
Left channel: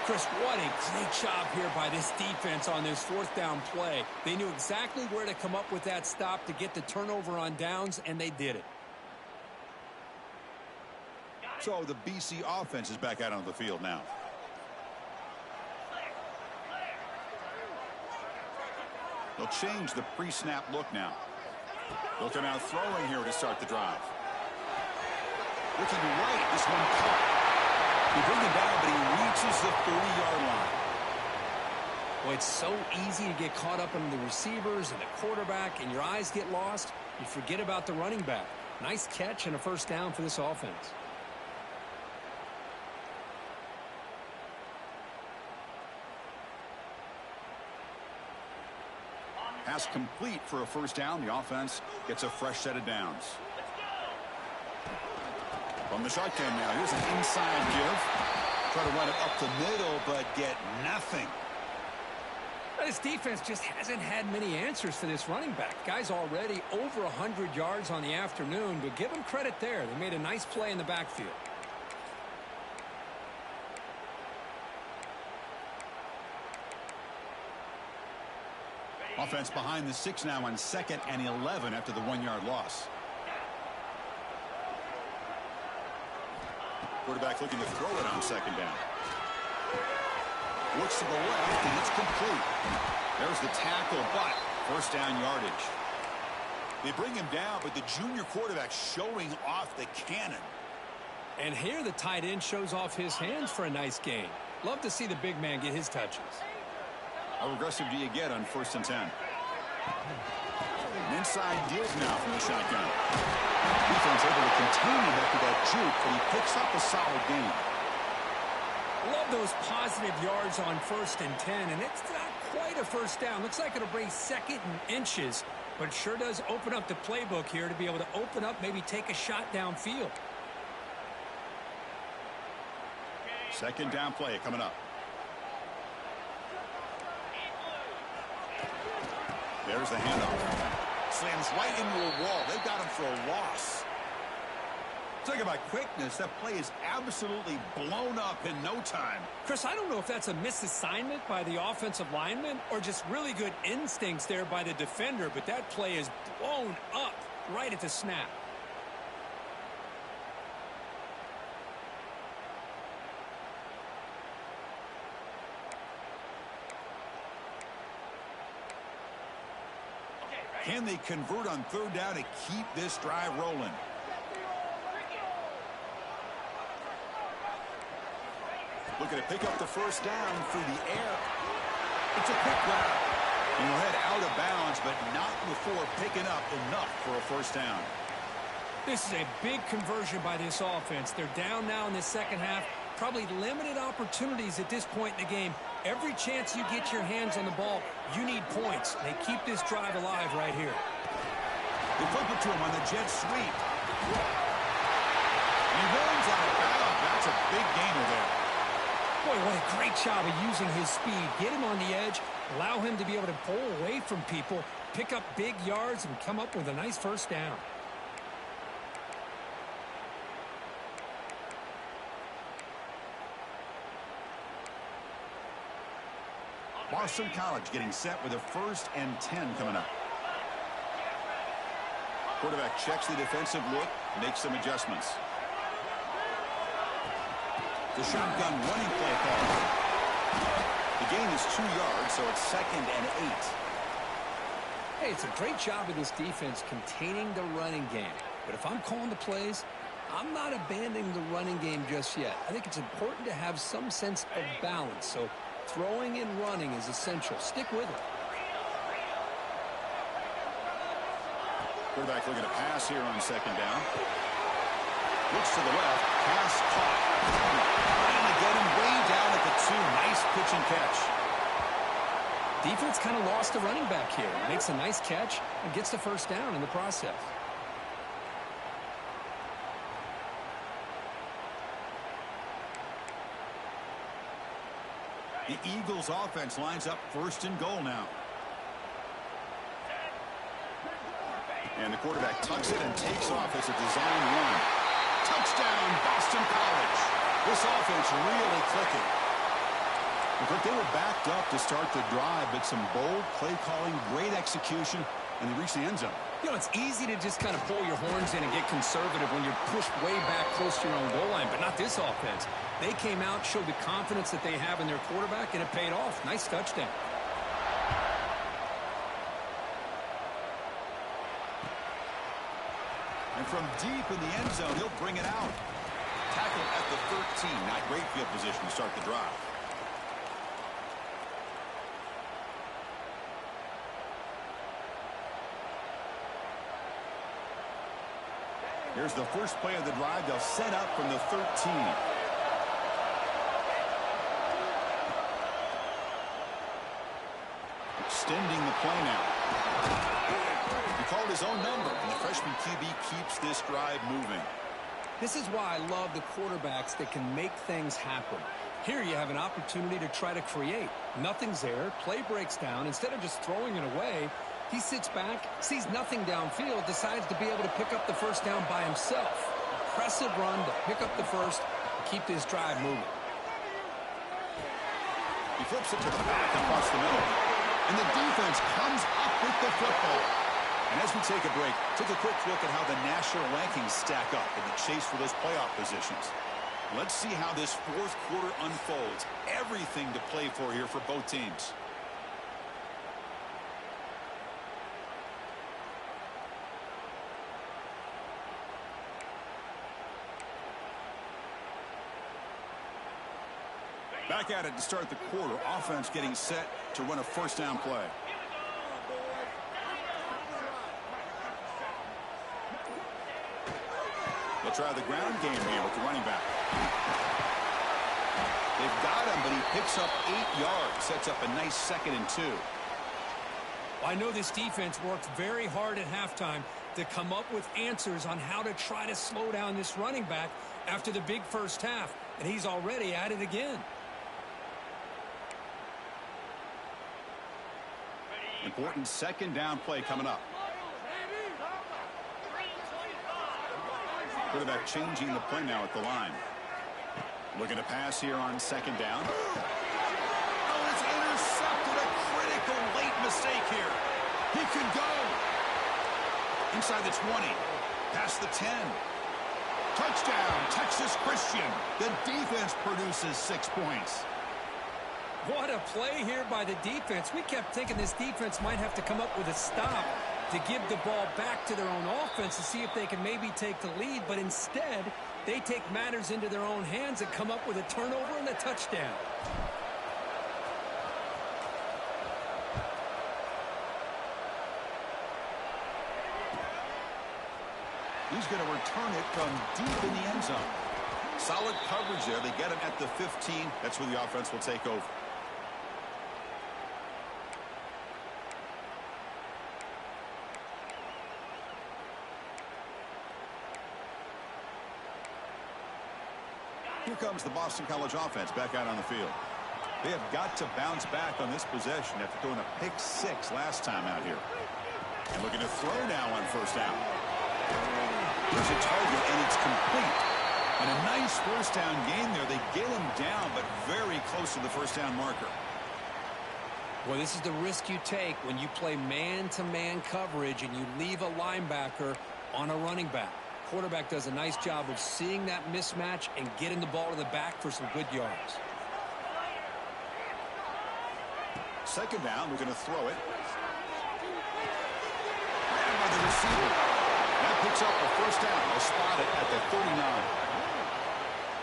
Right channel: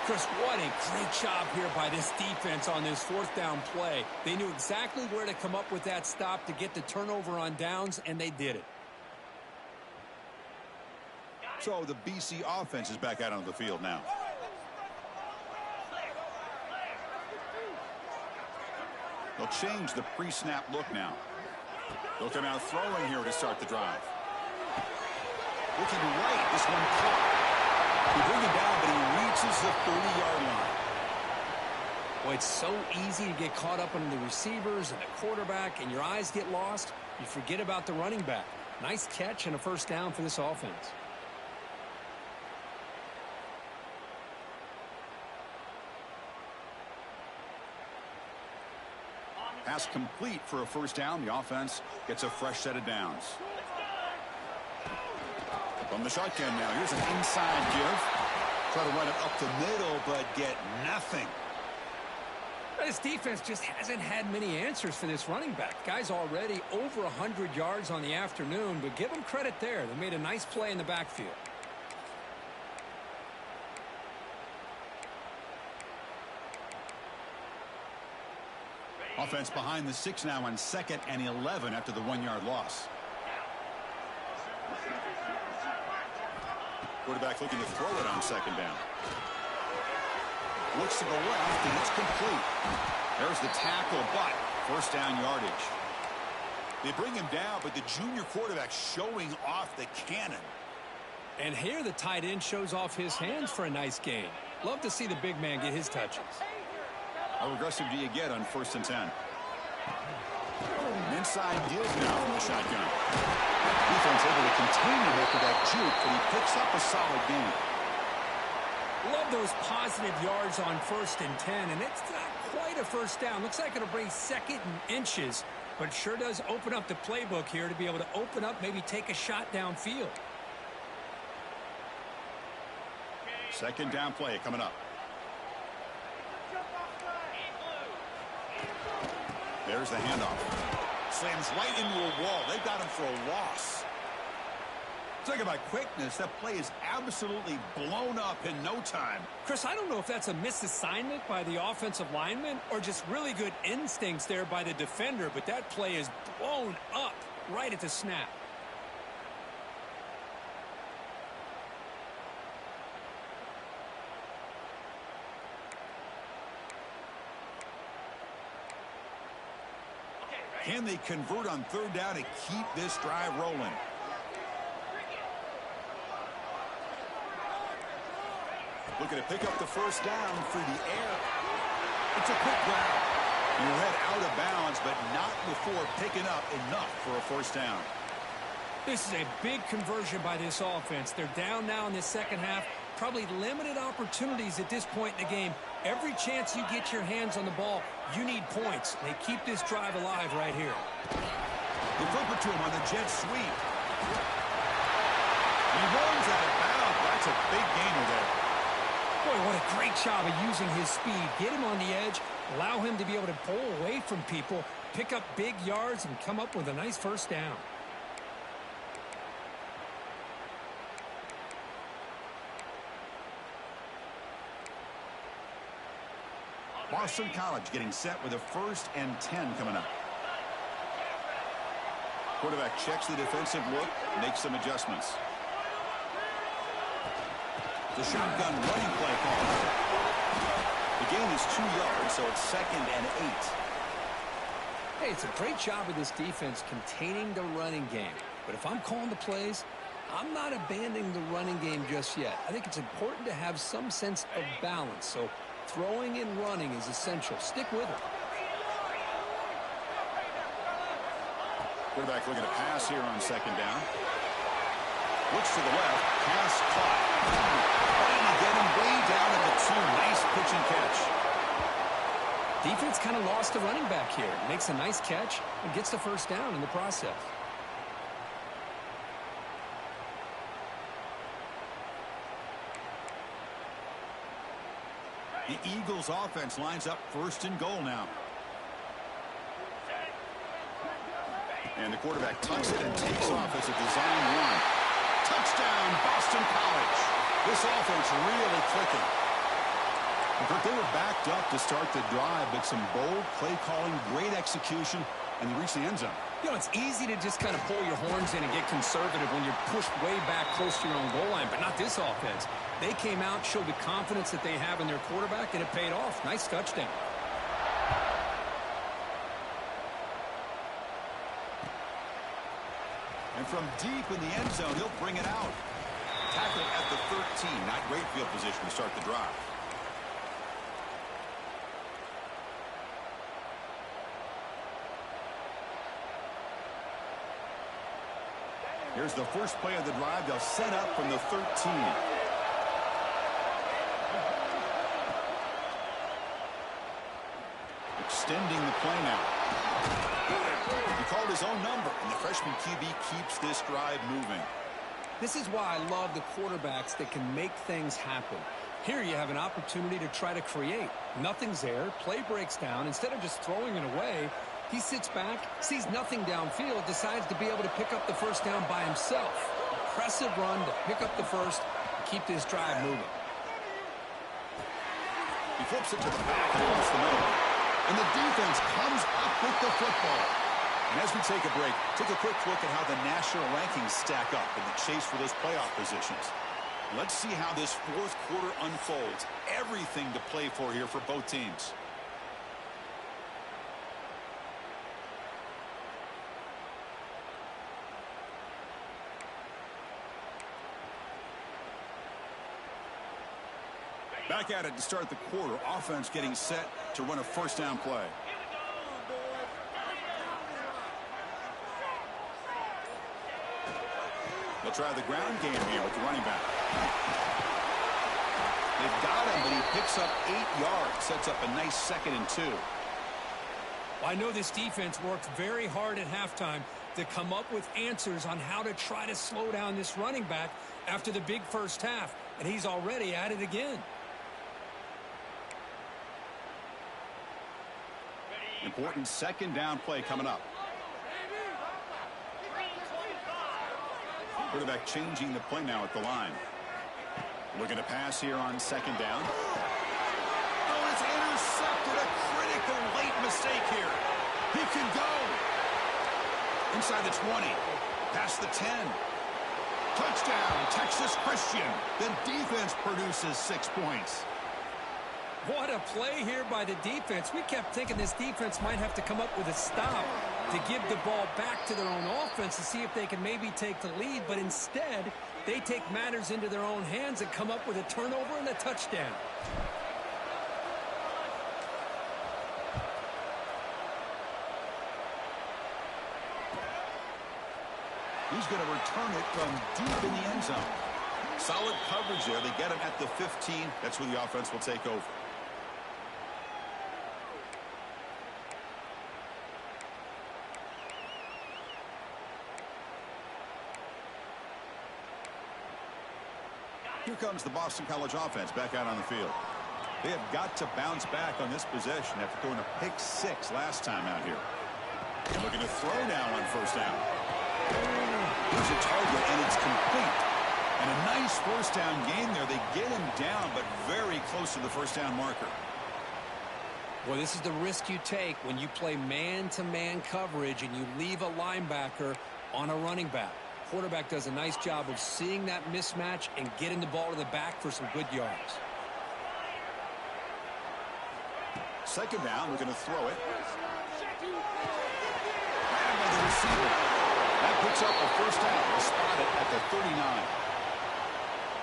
Chris, what a great job here by this defense on this 4th down play. They knew exactly where to come up with that stop to get the turnover on downs, and they did it. So the BC offense is back out on the field now. They'll change the pre-snap look now. They'll come out throwing here to start the drive. Looking right, this one caught. He bring him down, but he reaches the 30-yard line. Well, it's so easy to get caught up on the receivers and the quarterback, and your eyes get lost. You forget about the running back. Nice catch and a 1st down for this offense. Pass complete for a 1st down. The offense gets a fresh set of downs. From the shotgun now, here's an inside give. Try to run it up the middle, but get nothing. This defense just hasn't had many answers for this running back. Guy's already over 100 yards on the afternoon, but give him credit there. They made a nice play in the backfield. Offense behind the 6 now on 2nd and 11 after the 1-yard loss. Quarterback looking to throw it on 2nd down. Looks to the left, and it's complete. There's the tackle, but 1st down yardage. They bring him down, but the junior quarterback showing off the cannon. And here the tight end shows off his hands for a nice gain. Love to see the big man get his touches. How aggressive do you get on 1st and 10? An inside deals now from the shotgun. Defense able to contain him after that juke, but he picks up a solid gain. Love those positive yards on 1st and 10, and it's not quite a 1st down. Looks like it'll bring 2nd and inches, but it sure does open up the playbook here to be able to open up, maybe take a shot downfield. 2nd down play coming up. There's the handoff. Slams right into a wall. They've got him for a loss. Talk about quickness. That play is absolutely blown up in no time. Chris, I don't know if that's a misassignment by the offensive lineman or just really good instincts there by the defender, but that play is blown up right at the snap. Can they convert on 3rd down to keep this drive rolling? Looking to pick up the 1st down through the air. It's a quick grab. And he'll head out of bounds, but not before picking up enough for a 1st down. This is a big conversion by this offense. They're down now in the 2nd half. Probably limited opportunities at this point in the game. Every chance you get your hands on the ball, you need points. They keep this drive alive right here. They flip it to him on the jet sweep. He runs out of bounds. That's a big gainer there. Boy, what a great job of using his speed. Get him on the edge, allow him to be able to pull away from people, pick up big yards, and come up with a nice 1st down. Boston College getting set with a 1st and 10 coming up. Quarterback checks the defensive look, makes some adjustments. The shotgun running play call. The gain is 2 yards, so it's 2nd and 8. Hey, it's a great job of this defense containing the running game. But if I'm calling the plays, I'm not abandoning the running game just yet. I think it's important to have some sense of balance. So throwing and running is essential. Stick with it. Quarterback looking to pass here on 2nd down. Looks to the left. Pass caught. Trying to get him way down at the 2. Nice pitch and catch. Defense kind of lost the running back here. Makes a nice catch and gets the 1st down in the process. The Eagles offense lines up 1st and goal now. And the quarterback tucks it and takes off as a design run. Touchdown, Boston College. This offense really clicking. And Kirk, they were backed up to start the drive, but some bold play calling, great execution, and they reached the end zone. You know, it's easy to just kind of pull your horns in and get conservative when you're pushed way back close to your own goal line, but not this offense. They came out, showed the confidence that they have in their quarterback, and it paid off. Nice touchdown. And from deep in the end zone, he'll bring it out. Tackled at the 13. Not great field position to start the drive. Here's the first play of the drive. They'll set up from the 13. Extending the play now. He called his own number, and the freshman QB keeps this drive moving. This is why I love the quarterbacks that can make things happen. Here you have an opportunity to try to create. Nothing's there. Play breaks down. Instead of just throwing it away, he sits back, sees nothing downfield, decides to be able to pick up the 1st down by himself. Impressive run to pick up the 1st and keep this drive moving. He flips it to the back across the middle. And the defense comes up with the football. And as we take a break, take a quick look at how the national rankings stack up in the chase for those playoff positions. Let's see how this 4th quarter unfolds. Everything to play for here for both teams. Back at it to start the quarter. Offense getting set to run a 1st down play. They'll try the ground game here with the running back. They've got him, but he picks up 8 yards. Sets up a nice 2nd and 2. Well, I know this defense worked very hard at halftime to come up with answers on how to try to slow down this running back after the big 1st half. And he's already at it again. Important 2nd down play coming up. Quarterback changing the play now at the line. Looking to pass here on 2nd down. Oh, it's intercepted. A critical late mistake here. He can go. Inside the 20. Past the 10. Touchdown, Texas Christian. The defense produces 6 points. What a play here by the defense. We kept thinking this defense might have to come up with a stop to give the ball back to their own offense to see if they can maybe take the lead. But instead, they take matters into their own hands and come up with a turnover and a touchdown. He's going to return it from deep in the end zone. Solid coverage there. They get him at the 15. That's where the offense will take over. Here comes the Boston College offense back out on the field. They have got to bounce back on this possession after throwing a pick 6 last time out here. And looking to throw now on 1st down. Here's a target, and it's complete. And a nice 1st down gain there. They get him down, but very close to the 1st down marker. Well, this is the risk you take when you play man-to-man coverage and you leave a linebacker on a running back. Quarterback does a nice job of seeing that mismatch and getting the ball to the back for some good yards. Second down, we're going to throw it. Grabbed by the receiver. That picks up a first down. We'll spot it at the 39.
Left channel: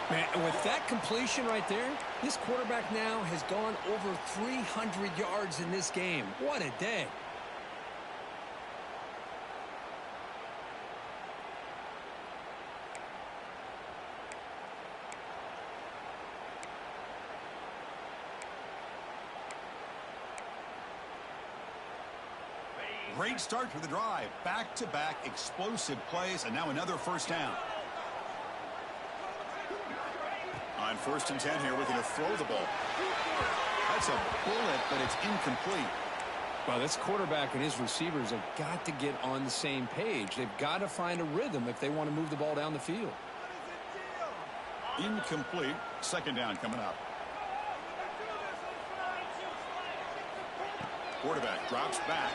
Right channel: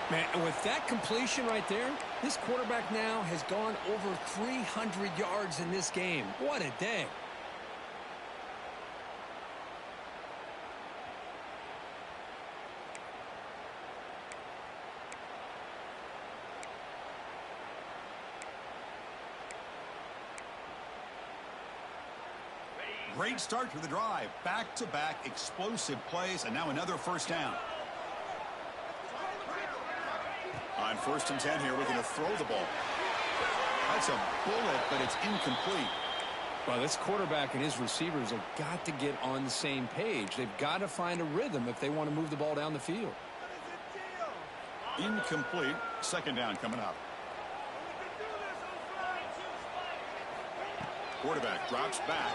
Man, and with that completion right there, this quarterback now has gone over 300 yards in this game. What a day. Great start to the drive. Back-to-back explosive plays, and now another first down. On 1st and 10 here, we're going to throw the ball. That's a bullet, but it's incomplete. Well, this quarterback and his receivers have got to get on the same page. They've got to find a rhythm if they want to move the ball down the field. Incomplete. Second down coming up. Quarterback drops back.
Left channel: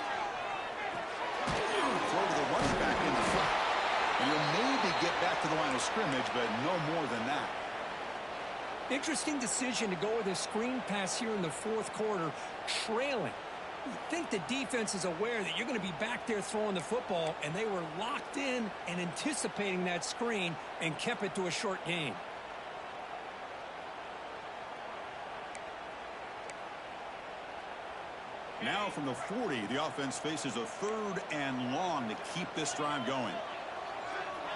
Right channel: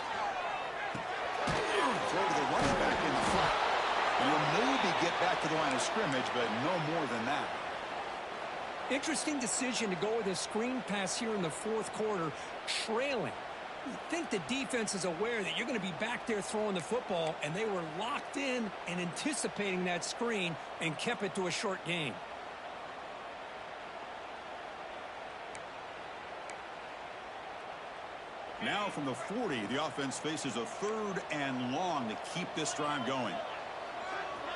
Throw to the running back in the flat. And you'll maybe get back to the line of scrimmage, but no more than that. Interesting decision to go with a screen pass here in the 4th quarter, trailing. You think the defense is aware that you're going to be back there throwing the football, and they were locked in and anticipating that screen and kept it to a short gain. Now from the 40, the offense faces a 3rd and long to keep this drive going.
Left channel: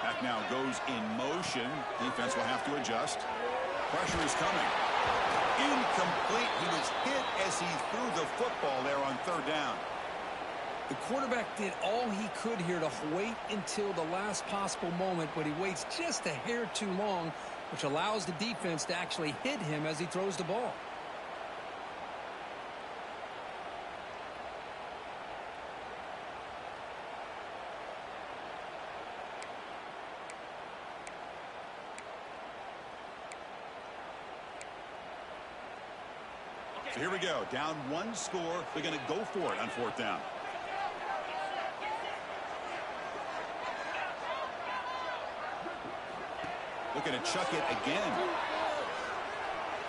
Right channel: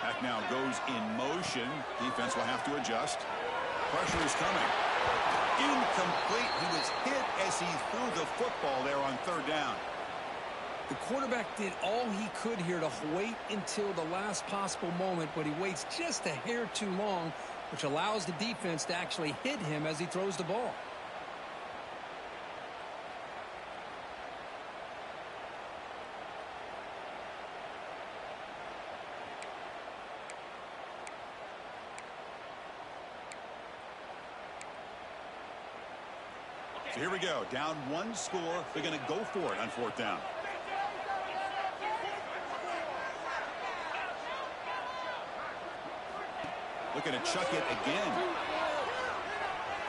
Back now goes in motion. Defense will have to adjust. Pressure is coming. Incomplete. He was hit as he threw the football there on 3rd down. The quarterback did all he could here to wait until the last possible moment, but he waits just a hair too long, which allows the defense to actually hit him as he throws the ball. So here we go. Down 1 score. They're going to go for it on 4th down. Looking to chuck it again.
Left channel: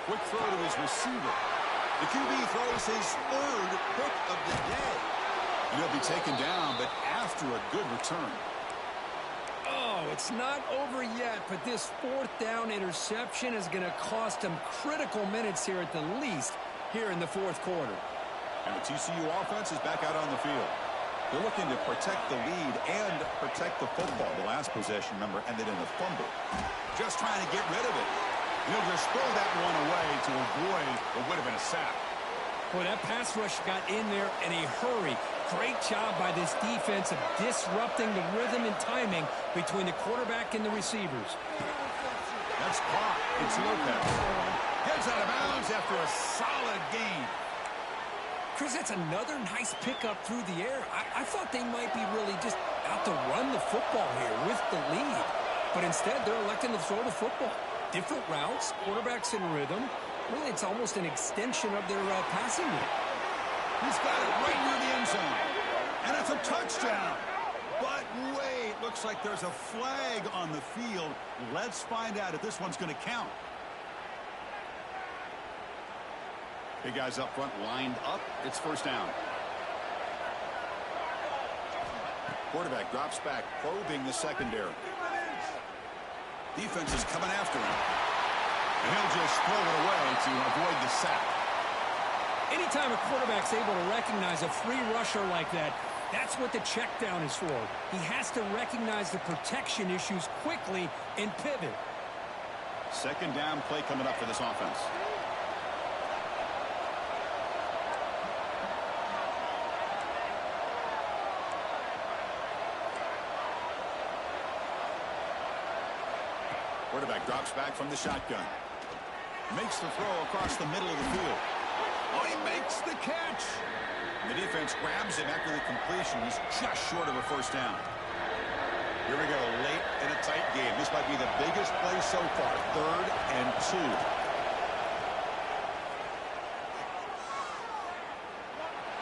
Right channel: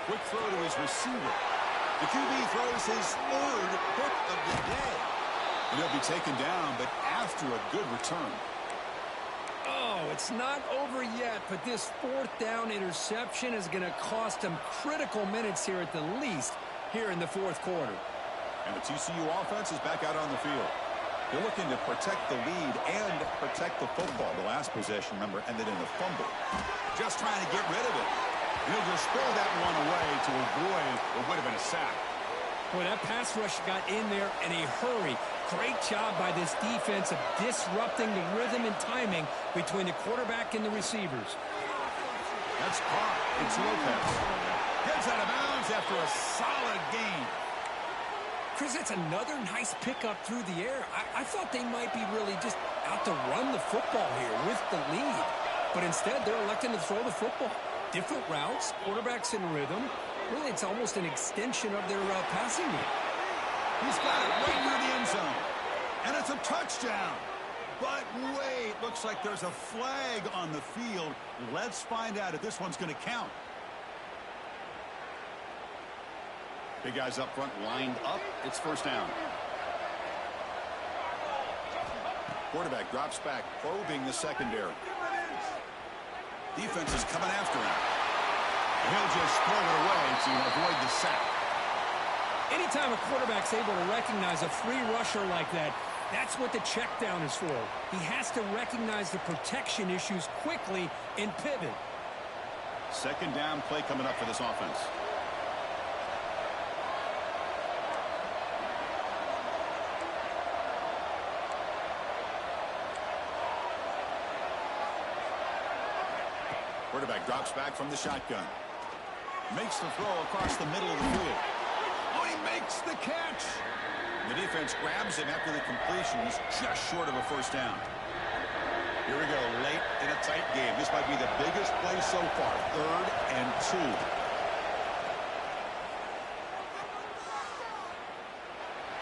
Quick throw to his receiver. The QB throws his 3rd pick of the day. And he'll be taken down, but after a good return. Oh, it's not over yet, but this 4th down interception is going to cost him critical minutes here at the least here in the 4th quarter. And the TCU offense is back out on the field. They're looking to protect the lead and protect the football. The last possession, remember, ended in a fumble. Just trying to get rid of it. And he'll just throw that one away to avoid what would have been a sack. Boy, that pass rush got in there in a hurry. Great job by this defense of disrupting the rhythm and timing between the quarterback and the receivers. That's caught. It's Lopez. Gets out of bounds after a solid gain. Chris, that's another nice pickup through the air. I thought they might be really just out to run the football here with the lead. But instead, they're electing to throw the football. Different routes, quarterbacks in rhythm. Really, it's almost an extension of their passing game. He's got it right near the end zone. And it's a touchdown. But wait, looks like there's a flag on the field. Let's find out if this one's going to count. Big guys up front lined up. It's 1st down. Quarterback drops back, probing the secondary. Defense is coming after him. And he'll just throw it away to avoid the sack. Anytime a quarterback's able to recognize a free rusher like that, that's what the check down is for. He has to recognize the protection issues quickly and pivot. 2nd down play coming up for this offense. Quarterback drops back from the shotgun. Makes the throw across the middle of the field. Oh, he makes the catch. The defense grabs him after the completion. He's just short of a 1st down. Here we go, late in a tight game. This might be the biggest play so far. 3rd and 2.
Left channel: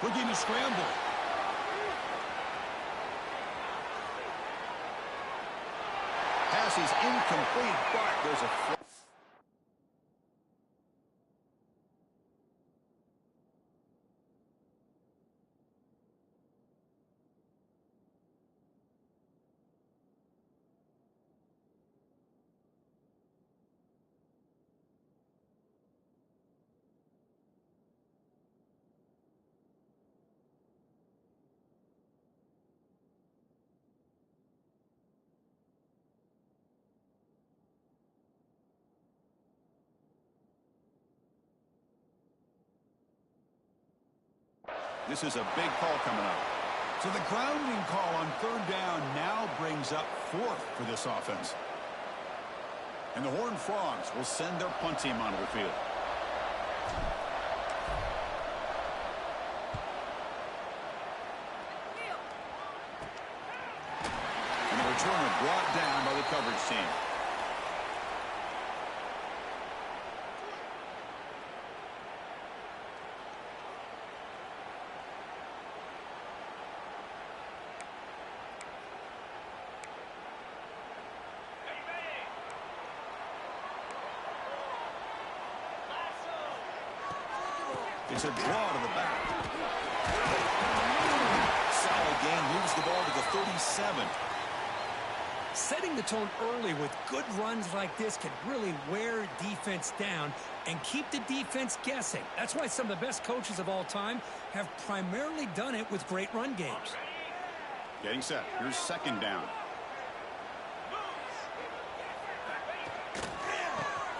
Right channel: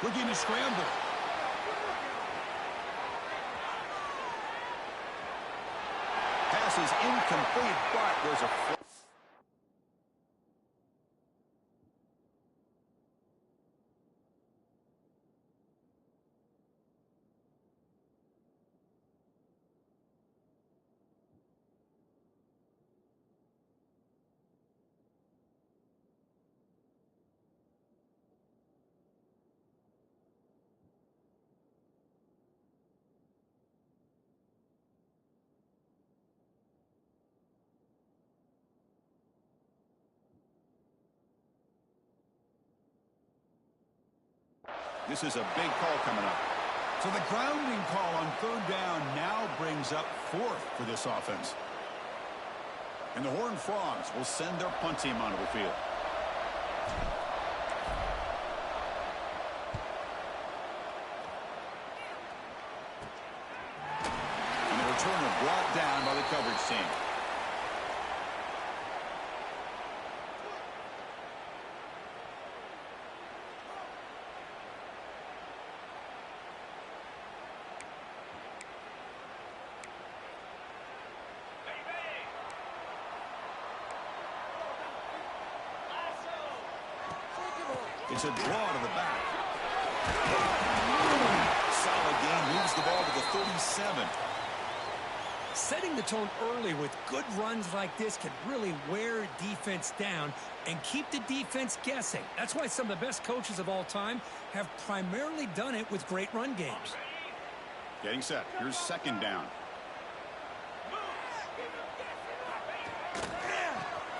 looking to scramble. Pass is incomplete, but there's a flag. This is a big call coming up. So the grounding call on third down now brings up fourth for this offense. And the Horned Frogs will send their punt team onto the field. And the returner brought down by the coverage team. It's a draw to the back. Solid gain, moves the ball to the 37. Setting the tone early with good runs like this can really wear defense down and keep the defense guessing. That's why some of the best coaches of all time have primarily done it with great run games. Getting set. Here's second down.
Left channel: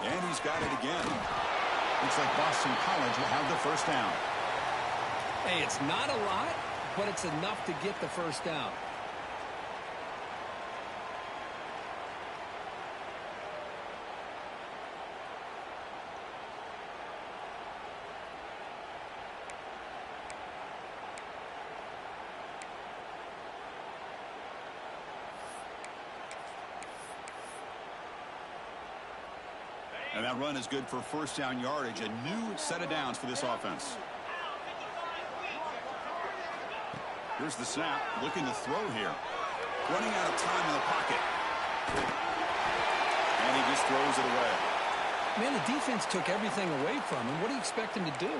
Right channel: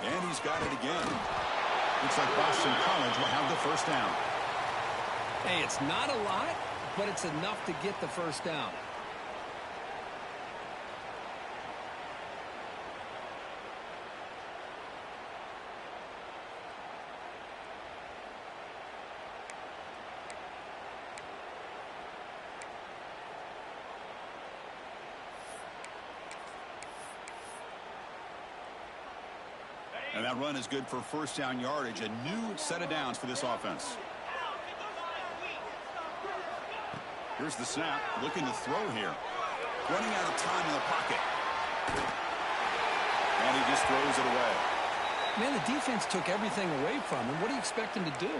And he's got it again. Looks like Boston College will have the first down. Hey, it's not a lot, but it's enough to get the first down. And that run is good for first down yardage. A new set of downs for this offense. Here's the snap. Looking to throw here. Running out of time in the pocket. And he just throws it away. Man, the defense took everything away from him. What do you expect him to do?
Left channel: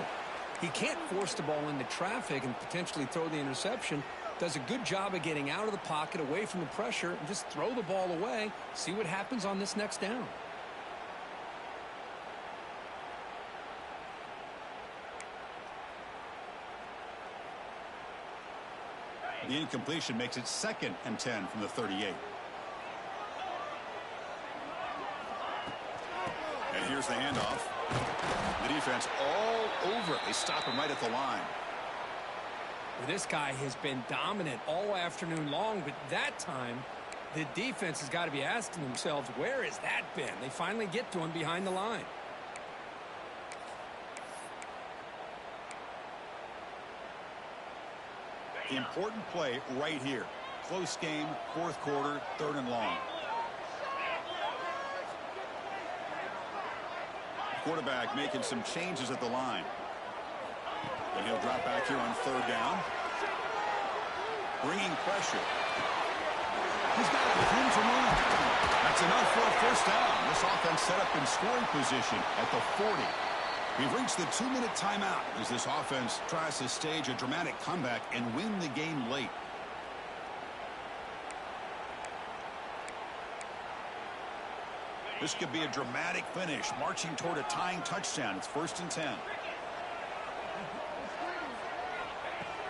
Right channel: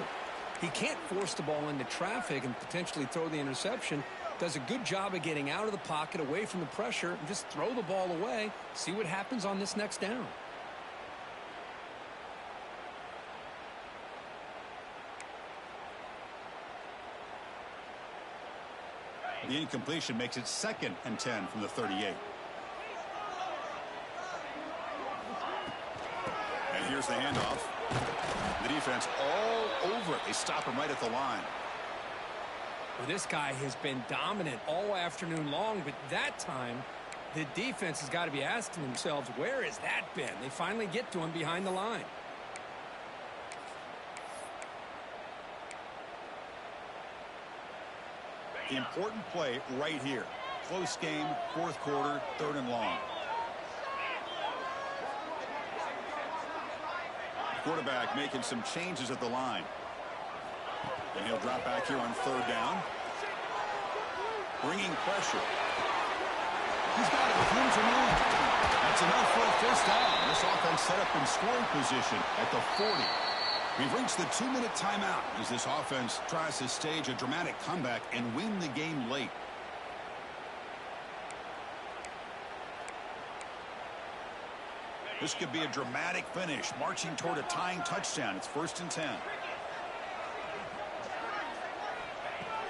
He can't force the ball into traffic and potentially throw the interception. Does a good job of getting out of the pocket, away from the pressure, and just throw the ball away. See what happens on this next down. The incompletion makes it 2nd and 10 from the 38. And here's the handoff. The defense all over it. They stop him right at the line. Well, this guy has been dominant all afternoon long, but that time the defense has got to be asking themselves, where has that been? They finally get to him behind the line. Important play right here. Close game, 4th quarter, 3rd and long. Quarterback making some changes at the line. And he'll drop back here on 3rd down. Bringing pressure. He's got it with room to run. That's enough for a first down. This offense set up in scoring position at the 40. We've reached the 2-minute timeout as this offense tries to stage a dramatic comeback and win the game late. This could be a dramatic finish, marching toward a tying touchdown. It's 1st and 10.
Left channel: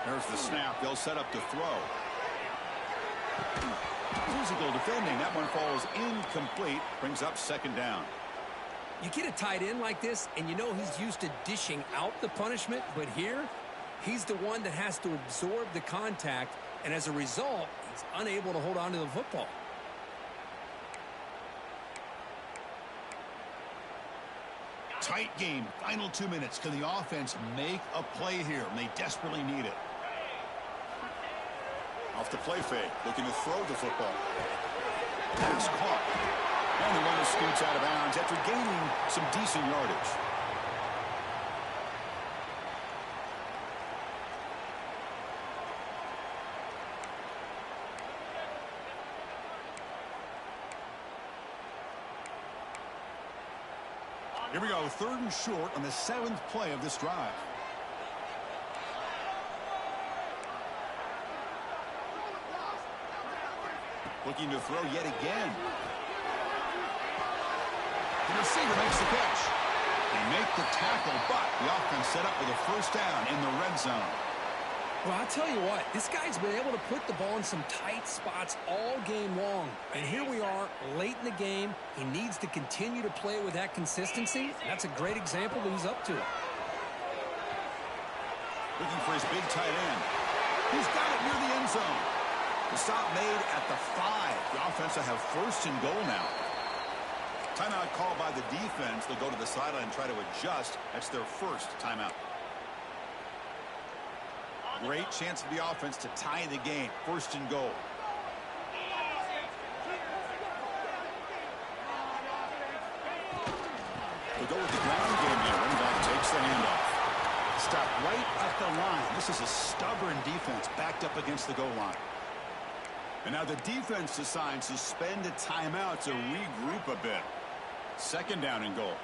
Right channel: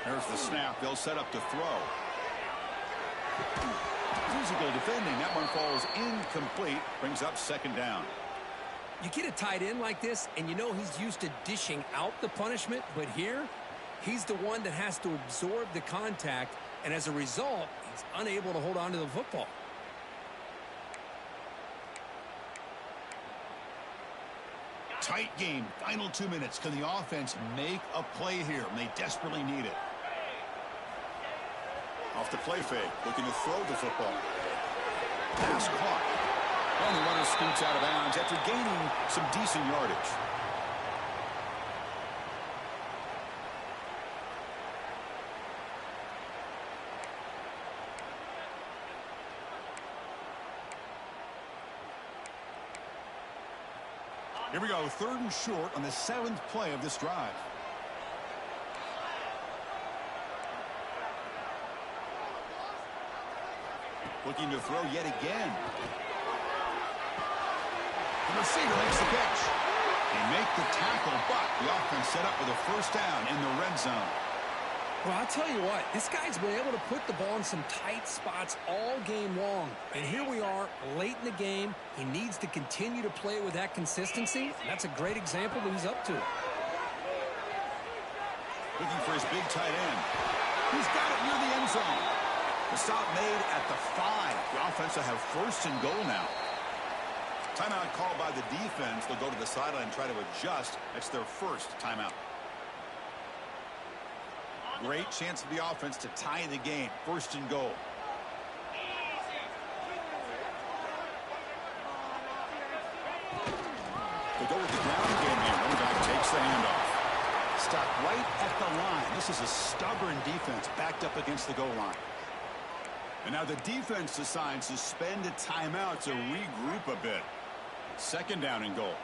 There's the snap. They'll set up to throw. Physical defending. That one falls incomplete. Brings up 2nd down. You get a tight end like this, and you know he's used to dishing out the punishment, but here, he's the one that has to absorb the contact, and as a result, he's unable to hold on to the football. Tight game, final 2 minutes. Can the offense make a play here? And they desperately need it. Off the play fake, looking to throw the football. Pass caught. And the runner scoots out of bounds after gaining some decent yardage. Here we go, 3rd and short on the 7th play of this drive. Looking to throw yet again. The receiver makes the catch. They make the tackle, but the offense set up with a first down in the red zone. Well, I'll tell you what, this guy's been able to put the ball in some tight spots all game long. And here we are, late in the game. He needs to continue to play with that consistency. That's a great example that he's up to. Looking for his big tight end. He's got it near the end zone. The stop made at the 5. The offense will have 1st and goal now. Timeout called by the defense. They'll go to the sideline and try to adjust. That's their first timeout. Great chance for the offense to tie the game. 1st and goal. They go with the ground game here. Running back takes the handoff. Stopped right at the line. This is a stubborn defense backed up against the goal line. And now the defense decides to spend a timeout to regroup a bit. 2nd down and goal.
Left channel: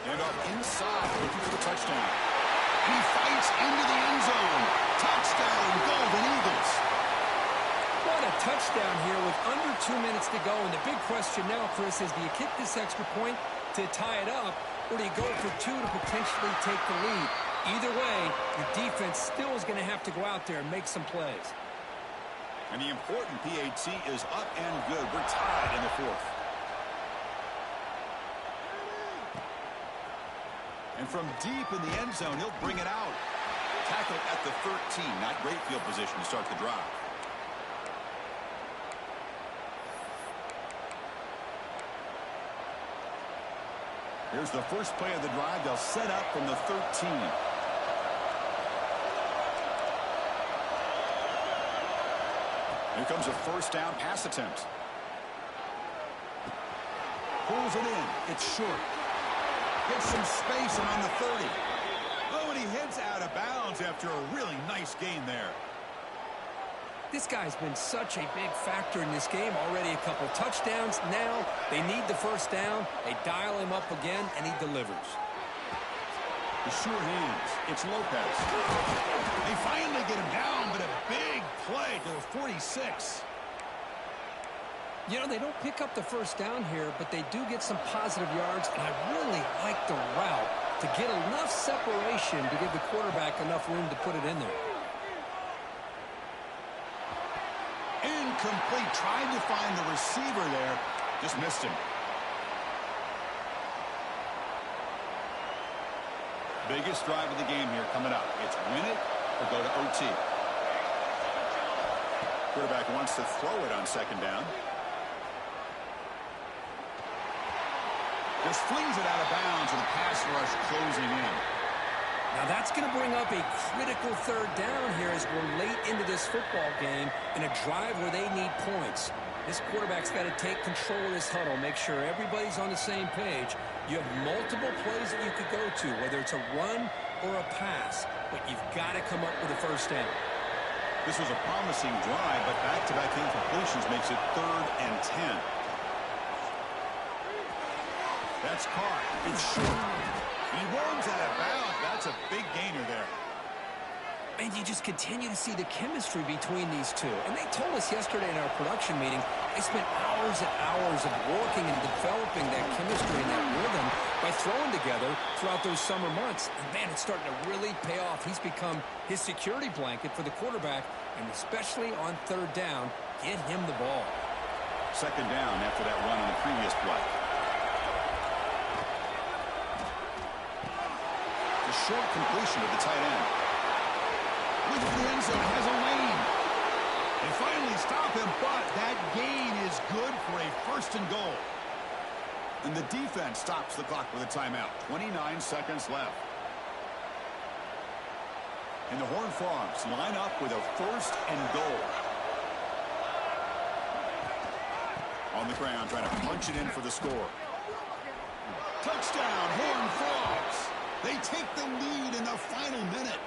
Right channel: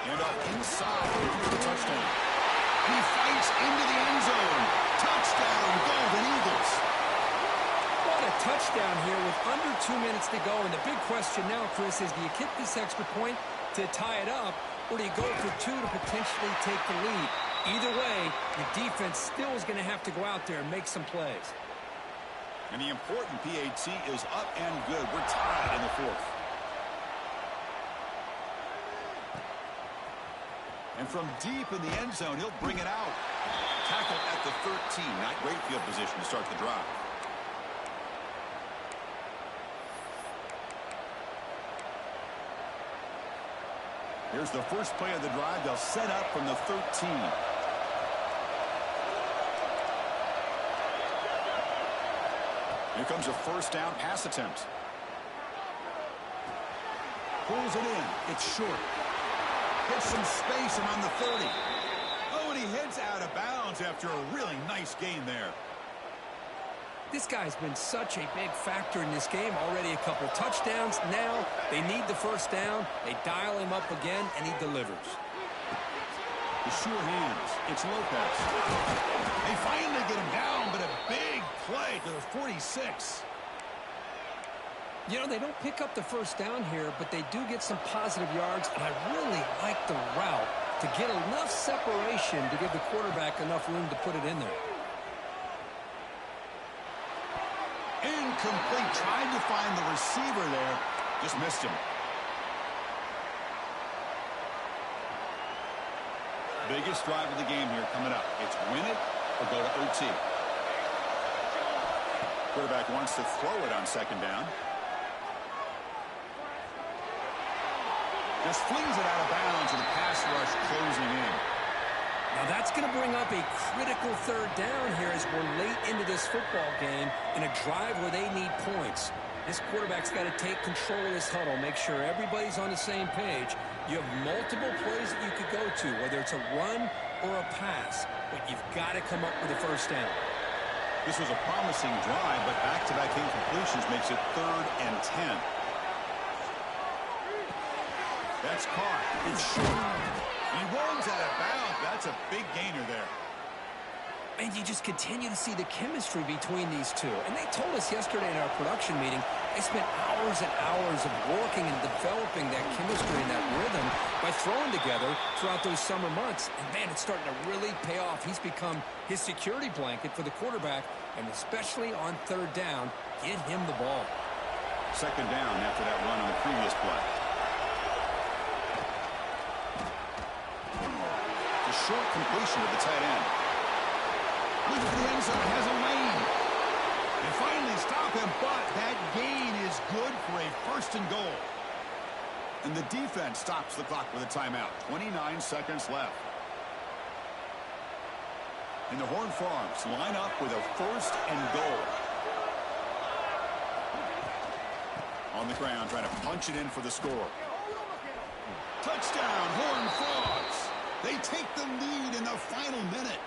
Handoff inside, looking for the touchdown. And he fights into the end zone. Touchdown, Golden Eagles. What a touchdown here with under 2 minutes to go. And the big question now, Chris, is do you kick this extra point to tie it up, or do you go for 2 to potentially take the lead? Either way, the defense still is going to have to go out there and make some plays. And the important PAT is up and good. We're tied in the 4th. And from deep in the end zone, he'll bring it out. Tackled at the 13. Not great field position to start the drive. Here's the first play of the drive. They'll set up from the 13. Here comes a 1st down pass attempt. Pulls it in. It's short. Gets some space around the 30. Oh, and he heads out of bounds after a really nice gain there. This guy's been such a big factor in this game. Already a couple touchdowns. Now they need the 1st down. They dial him up again, and he delivers. The sure hands. It's Lopez. They finally get him down, but a big play to the 46. You know, they don't pick up the 1st down here, but they do get some positive yards, and I really like the route to get enough separation to give the quarterback enough room to put it in there. Incomplete. Tried to find the receiver there. Just missed him. Biggest drive of the game here coming up. It's win it or go to OT. Quarterback wants to throw it on 2nd down. Just flings it out of bounds with a pass rush closing in. Now that's going to bring up a critical 3rd down here as we're late into this football game in a drive where they need points. This quarterback's got to take control of this huddle, make sure everybody's on the same page. You have multiple plays that you could go to, whether it's a run or a pass, but you've got to come up with a 1st down. This was a promising drive, but back-to-back incompletions makes it 3rd and 10. That's caught. It's short. He runs out of bounds. That's a big gainer there. And you just continue to see the chemistry between these two. And they told us yesterday in our production meeting, they spent hours and hours of working and developing that chemistry and that rhythm by throwing together throughout those summer months. And, man, it's starting to really pay off. He's become his security blanket for the quarterback, and especially on 3rd down, get him the ball. 2nd down after that run on the previous play. The short completion of the tight end. Looking for the end zone, has a lane. They finally stop him, but that gain is good for a 1st and goal. And the defense stops the clock with a timeout. 29 seconds left. And the Horned Frogs line up with a 1st and goal. On the ground, trying to punch it in for the score. Touchdown, Horned Frogs. They take the lead in the final minute.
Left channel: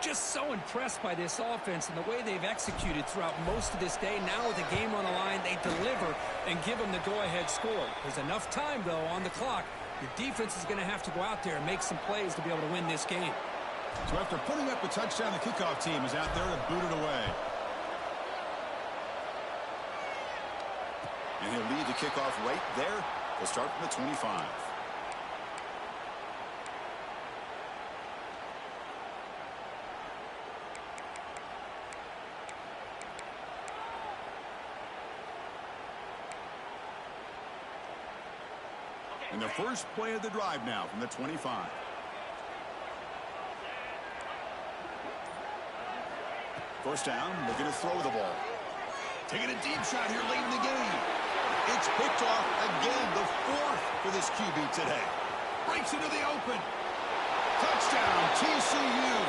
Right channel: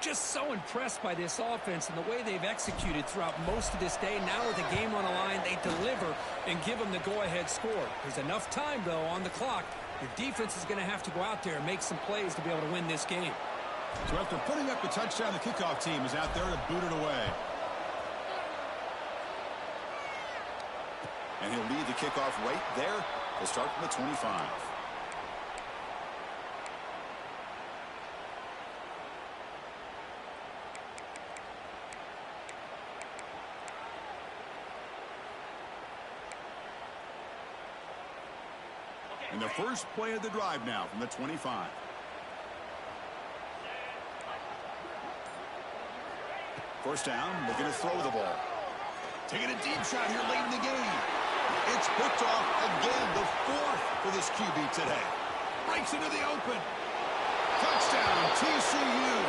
Just so impressed by this offense and the way they've executed throughout most of this day. Now with the game on the line, they deliver and give them the go-ahead score. There's enough time, though, on the clock. Your defense is going to have to go out there and make some plays to be able to win this game. So after putting up a touchdown, the kickoff team is out there to boot it away. And he'll lead the kickoff right there. He'll start from the 25. And the first play of the drive now from the 25. First down, looking to throw the ball. Taking a deep shot here late in the game. It's picked off again, the fourth for this QB today. Breaks into the open. Touchdown, TCU.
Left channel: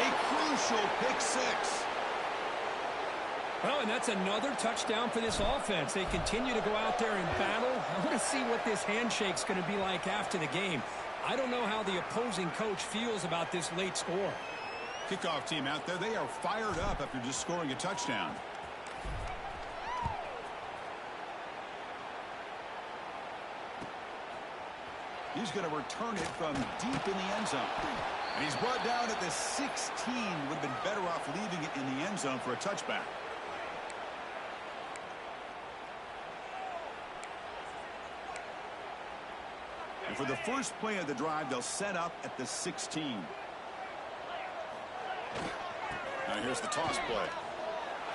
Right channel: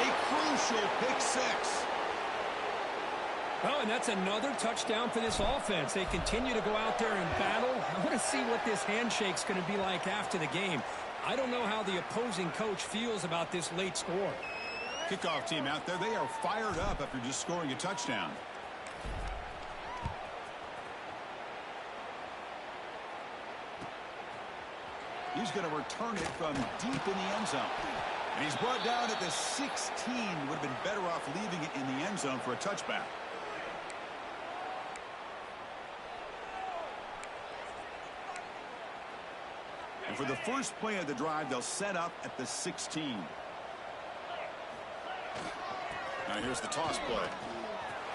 A crucial pick six. Well, and that's another touchdown for this offense. They continue to go out there and battle. I want to see what this handshake's going to be like after the game. I don't know how the opposing coach feels about this late score. Kickoff team out there, they are fired up after just scoring a touchdown. He's going to return it from deep in the end zone. And he's brought down at the 16. Would have been better off leaving it in the end zone for a touchback. And for the first play of the drive, they'll set up at the 16. Now here's the toss play.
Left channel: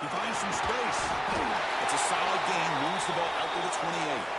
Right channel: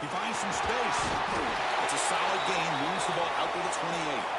He finds some space. It's a solid gain, moves the ball out to the 28.